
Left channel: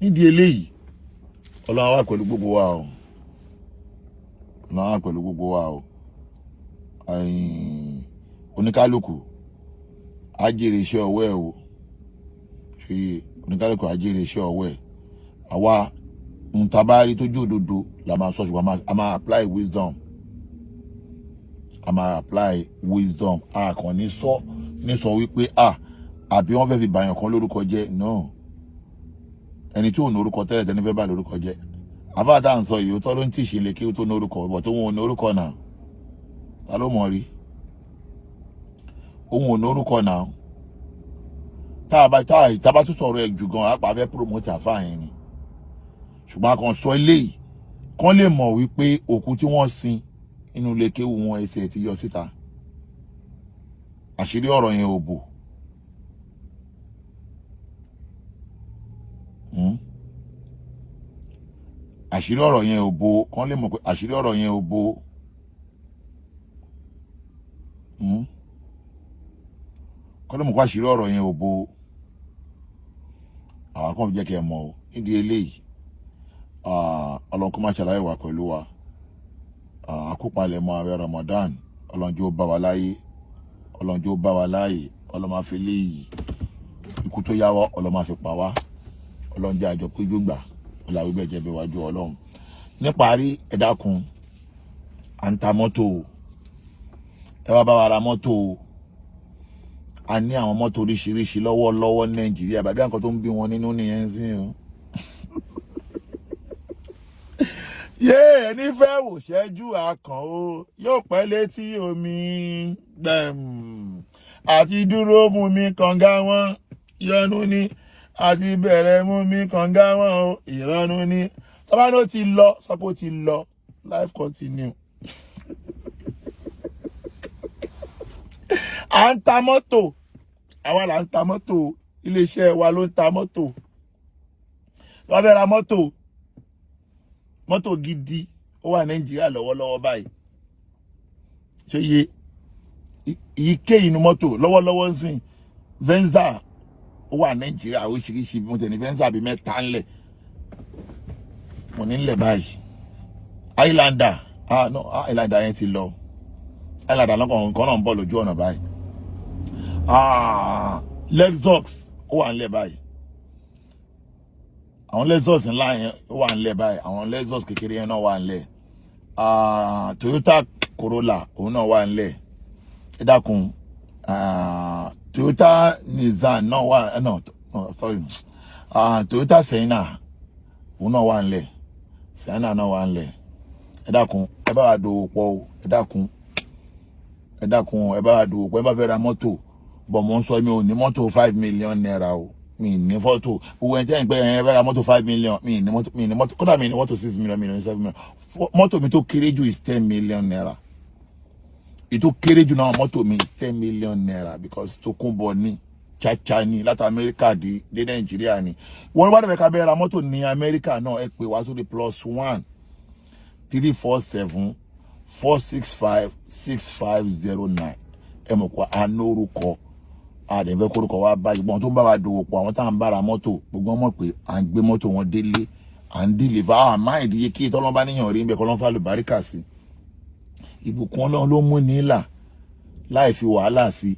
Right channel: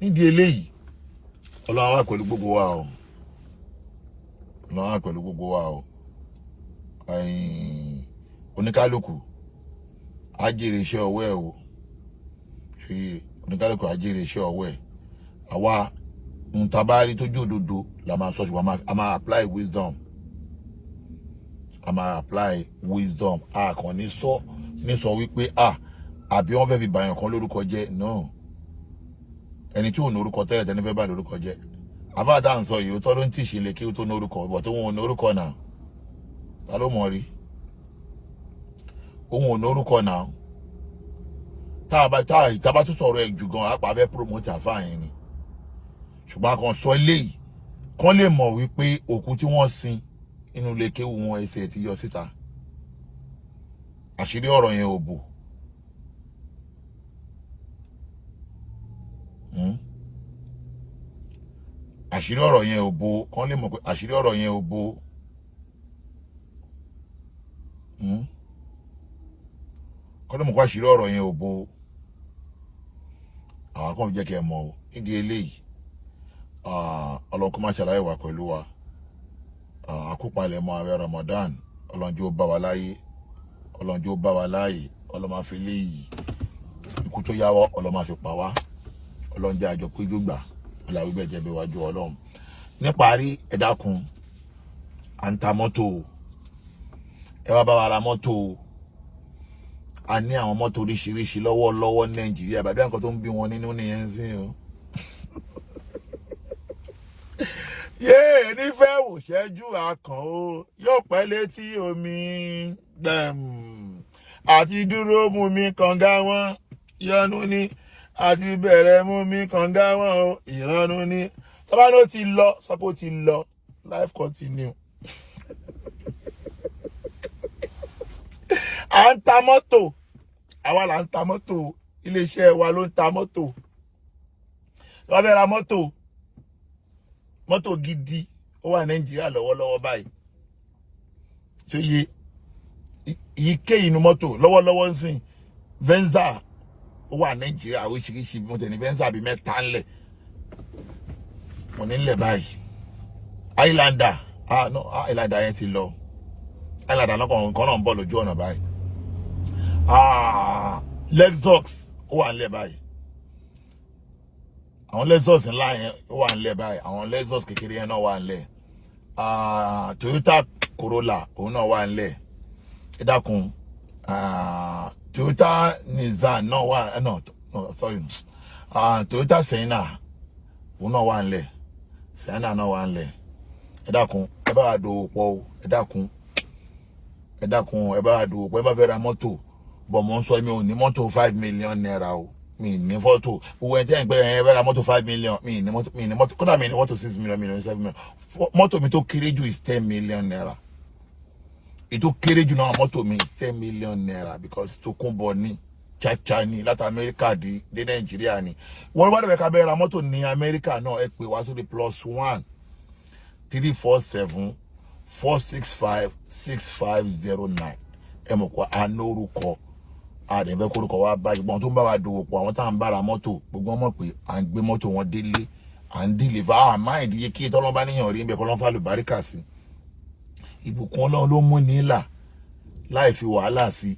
nídìí eléyìí Ọlọ́run wà pẹ̀lú gbogbo wa o Ọlọ́run wà pẹ̀lú gbogbo wa o oníkálukú á jèrè iṣẹ́ ọwọ́ ẹ̀ o ṣe oníkálukú á jèrè iṣẹ́ ọwọ́ ẹ̀ àwa ntabari tó jó òdodo la máa sọ ṣùgbọ́n a máa apply wisdom a kàn ní sọ wípé àbí wọ́n fẹ́ fi bàyàn kan lórúkọ jẹ́ no ẹni tí ò ní orúkọ tẹ́lẹ̀ tẹ́ni fẹ́ bá lórúkọ jẹ́ àbáàdá ń sọ yìí ó tọ́ ló ń tì ṣe lè kí ó tó ní orúkọ bọ̀ tó wọn ò ní orúkọ náà ta ló mọ̀ rí òun ò ní orúkọ náà tá a bá tún sọ̀rọ̀ ẹ̀ jù gan apá fẹ́ promote àfáà yẹn ni ṣùgbọ́n a kàn sọ eléyìí kán lè mọ̀ wípé òkú tí wọ́n sin inú ilé kéwú wọn ẹsẹ̀ ti yọ síta. Àṣírí ọ̀rọ̀ yẹn ò bò. Àṣírí ọ̀rọ̀ yẹn ò bò, kán lè mọ̀ pé àṣírí ọ̀rọ̀ yẹn ò bò. Kán lè mọ̀ pé àṣírí ọ̀rọ̀ yẹn ò bò. Àwọn kan jẹ́ kí ẹ mọ̀ o. Nídìí eléyìí, Ọlọ́run kó má ṣàlàyé wà pẹ̀lú wa. Àkópalẹ̀ mọ́ àwẹ̀ Ramadan, Ọlọ́run jọ̀ọ́ bá wa láyé, Ọlọ́run jọ̀ọ́ bá wa láyé, Ọlọ́run má fi léyìí ikú tó yáwọ́, Ọlọ́run má fi pa wá, Ọlọ́run jẹ́ àjọ péjú gbà, Ọlọ́run wíbẹ̀ jẹ́ bí wájú Ọlọ́run. Níparí, ẹ dákun, à ń ta mọ́tò, ẹ wá bá wa ra mọ́tò. A ní àwọn mọ́tò oríṣiríṣi lọ́wọ́lọ́wọ́ ní Nàìjíríà, bàbá nǹkan tó ń bí wọn nínú nìyẹn sí o. Ẹni fẹ́ wò ṣẹ́jú akàn o, yóò pẹ́ létí omi gbẹ̀m. Àti dúró mú mi kànga wọn, ìyọnu ni. Àti bẹ̀rẹ̀ mú mi kànga wọn o, ìrọ̀nù ni. Tọ́ba ló ti lọ, sọ pé ó ti lọ, life continue. À ń ta mọ́tò, àwa là ń ta mọ́tò, iléeṣẹ́ wa ló ń ta mọ́tò. Wọ́n fẹ́ ra mọ́tò, mọ́tò gidi ó wà Nàìjíríà lọ́wọ́lọ́wọ́ báyìí. Ṣé iye ike inú mọ́tò lọ́wọ́lọ́wọ́ ń sìn Venza ó wà Nàìjíríà oríṣiríṣi, mo tẹ̀ ní Venza bíi mẹ́ta ńlẹ̀. Mo ní ńlẹ̀ báyìí. Highlander, no, Highlander yẹn ti lọ. Highlander lọ́kàn kan náà ń bọ̀ lójú ọ̀nà báyìí. Lexus ó wà ńlẹ̀ báyìí. Àwọn Lexus ńlá yẹn ó wà ńlẹ̀ báyìí. Àwọn Lexus kékeré yẹn náà wà ńlẹ̀. Toyota Corolla òun náà wà ńlẹ̀. Ẹ dákun, Toyota Nissan náà wà, no, sorry. Toyota Sienna òun náà wà ńlẹ̀. Sienna náà wà ńlẹ̀. Ẹ dákun, ẹ bá wa dòwò pọ̀ o. Ẹ dákun, ẹ bá wa dòwò pọ̀. Ẹ bá fẹ́ ra mọ́tò, bọ̀ mo ń sọ mi ò ní mọ́tò 5 million naira o. Mi ní fọ́tò. Gbogbo ẹni tẹ́ ń pẹ́ ẹ fẹ́ ra mọ́tò 5 million. Mi ní mọ́tò, kódà mi ní mọ́tò 6 million, mi ní 7 million. Mọ́tò mi tó kéré jù is 10 million naira. Ètò kéré jù náà mọ́tò mi is 10 million naira because tó kún bọ̀ ní chacha ní láti Amẹ́ríkà dé Nàìjíríà ni. Wọ́n wá dẹ̀ ká bẹ́ẹ̀ ra mọ́tò ní Amẹ́ríkà náà, ẹ pè wá sórí +1 347 465 6509. Ẹ mọ̀ pé a ní orúkọ, àdẹ̀fẹ́ kórúkọ wa báyìí. Gbọ́n tó ń bá wa dòwò pọ̀, àwọn tá à ń bára mọ́tò, gbogbo mọ̀ pé à ń gbé mọ́tò wọn délé, à ń deliver. Máa ìdíye kí tọ́lọ́ bá níyàn rí ń bẹ kọ́ lọ́n fà lùbáríkà sí. Ìbùkún Ọlọ́run ló mú nílà láì fi wàhálà sí.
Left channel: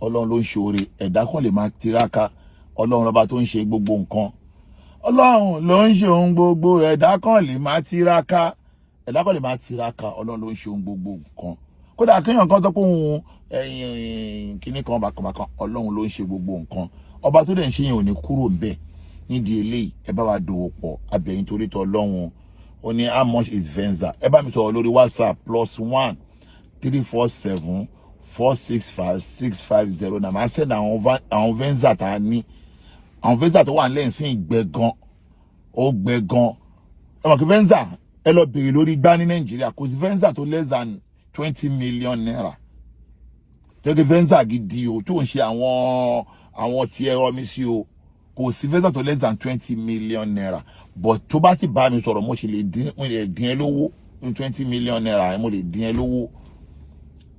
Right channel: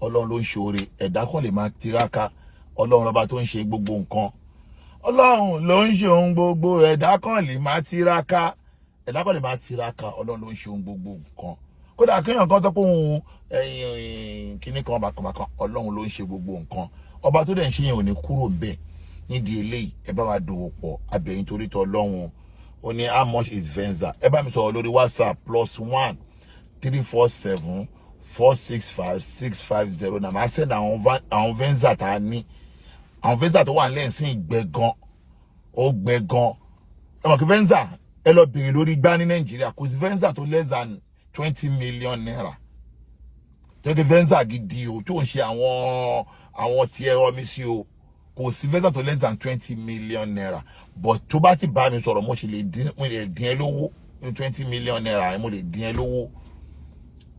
Ọlọ́run ló ń ṣe oore, ẹ̀dá kan lè máa tiraka. Ọlọ́run lọ́ba tó ń ṣe gbogbo nǹkan. Ọlọ́run ló ń ṣe ohun gbogbo, ẹ̀dá kan lè máa tiraka. Ẹ̀dá kan lè máa tiraka, Ọlọ́run ló ń ṣe ohun gbogbo nǹkan. Kódà kéèyàn kan tó pé òun kíní kan bàkànbàkàn, Ọlọ́run ló ń ṣe gbogbo nǹkan. Ọba tó dẹ̀ ń ṣe yẹn ò ní kúrò ńbẹ̀. Nídìí eléyìí, ẹ bá wa dòwò pọ̀, abẹ̀yìn torí tọ́ Ọlọ́run. Ó ní how much is Venza? Ẹ bá mi sọ̀rọ̀ lórí WhatsApp +1 347 465 6509. Màá send àwọn Venza tá a ní. Àwọn Venza tó wà nílẹ̀ sí gbẹ gan. Ó gbẹ gan. Ẹ mọ̀ kí Venza ẹ lọ bèrè lórí gbá ní Nàìjíríà, kò sí Venza tó less than 20 million naira. Tó kí Venza gidi o, tó ń ṣe àwọn tí ẹ rọ mi sí o. Kò sí Venza tó less than 20 million naira. But tó bá ti bá mi sọ̀rọ̀, mo lè dín ẹ lówó ní 20 million naira, mo lè dín ẹ lówó.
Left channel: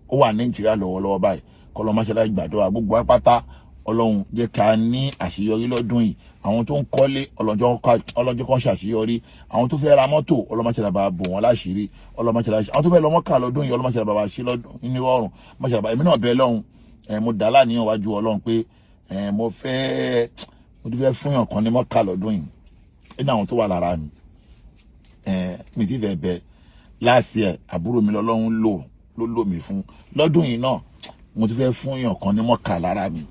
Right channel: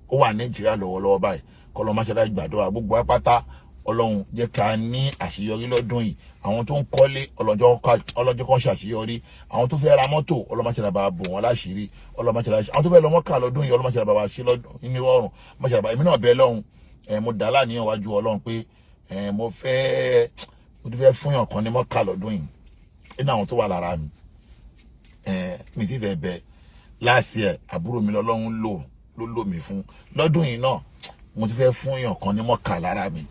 Ó wà Nàìjíríà lọ́wọ́lọ́wọ́ báyìí. Kọ́lọ́ máa ṣẹlẹ̀ gbàdúrà gbogbo apáta. Ọlọ́run jẹ́ ká ní àṣeyọrí lọ́dún yìí. Àwọn tó ń kọ́lé, ọlọ́jọ́ kan ṣàṣeyọrí. Àwọn tó fẹ́ ra mọ́tò, Ọlọ́run máa ṣẹlẹ̀ bá bò wọ́n láṣìírí. Ọlọ́run máa ṣẹlẹ̀ àwọn tó fẹ́ lọ Mọ́kà lọ́dún yìí, Ọlọ́run máa ṣẹlẹ̀ bá ṣe lọ́dún nínú ọrùn. Máa ṣẹlẹ̀ bá èmi náà bẹ Ọlọ́run. Mo dá láàníyàn wájú Ọlọ́run pé mo ti fẹ́ fún yàn kan ní Mọ́kà lọ́dún yìí. Nínú àwọn tó wà lára mi. Mi ti fẹ́ bẹ last year àbúrò mi lọ́lọ́run ló lò mí fún. Lọ́dún yìí náà mo ti fẹ́ fún yàn kan ní Mọ́kà lára mi.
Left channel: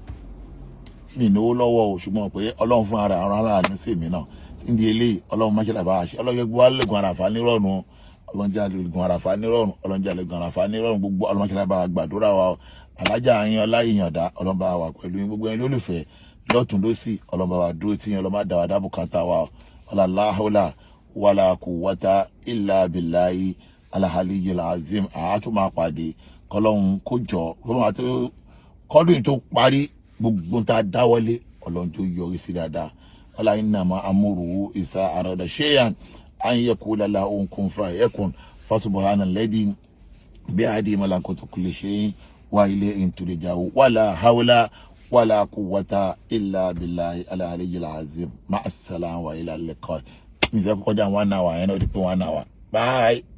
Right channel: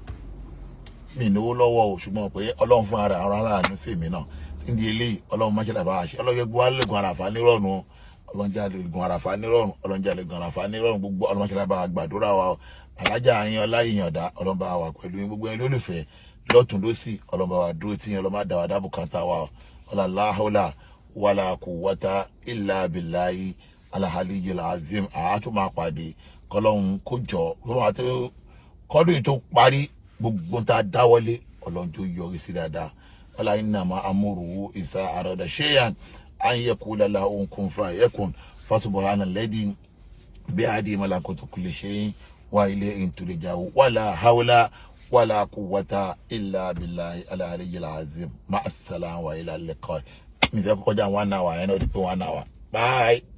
Mi ìnáwó lọ́wọ́ o, ṣùgbọ́n pé Ọlọ́run fún ara aláàánú sí mi náà. Nídìí eléyìí, Ọlọ́run máa ṣe làbá àṣẹ. Ọlọ́run yẹ gbogbo wa lè gun àràfà nírọ̀rùn. Ọlọ́run jẹ́ àlègùn àràfà nírọ̀rùn. Ọlọ́run jẹ́ àlègùn àràfà nírọ̀rùn. Gbogbo Ọlọ́run máa ṣe làbá gbàdúrà wa. Alájà Ayin Ọláyìyàndá, Ọlọ́run bá wa pẹ̀lú yín. Gbogbo ẹni lólùfẹ́ lọ́tùn lósì, Ọlọ́run bá wa dúró tí yín. Ọlọ́run máa dá wa dábùkátà wa. Ọlá láhùlà wala quwwata illa billahi al-aliyyil azim. A tún máa pàdé kọ́lọ́hun kó jọ kọ́dún tó parí gbogbo tá dáwọ́lé Ọlọ́run tó yọrí sí dáadáa. Wala innama amruhu iza arada shay'an an yaqula lahu kun fayakun. Fasubhanalladhi bi'adi malakutu kulli shay'in wa ilayhi turja'un. Wala hawla wala quwwata illa billahi al-aliyyil azim. Ma'as salam wa ila al-liqa. Mi fẹ́ kọjá 1 hour, ẹ náà di pé 1 hour. Bye.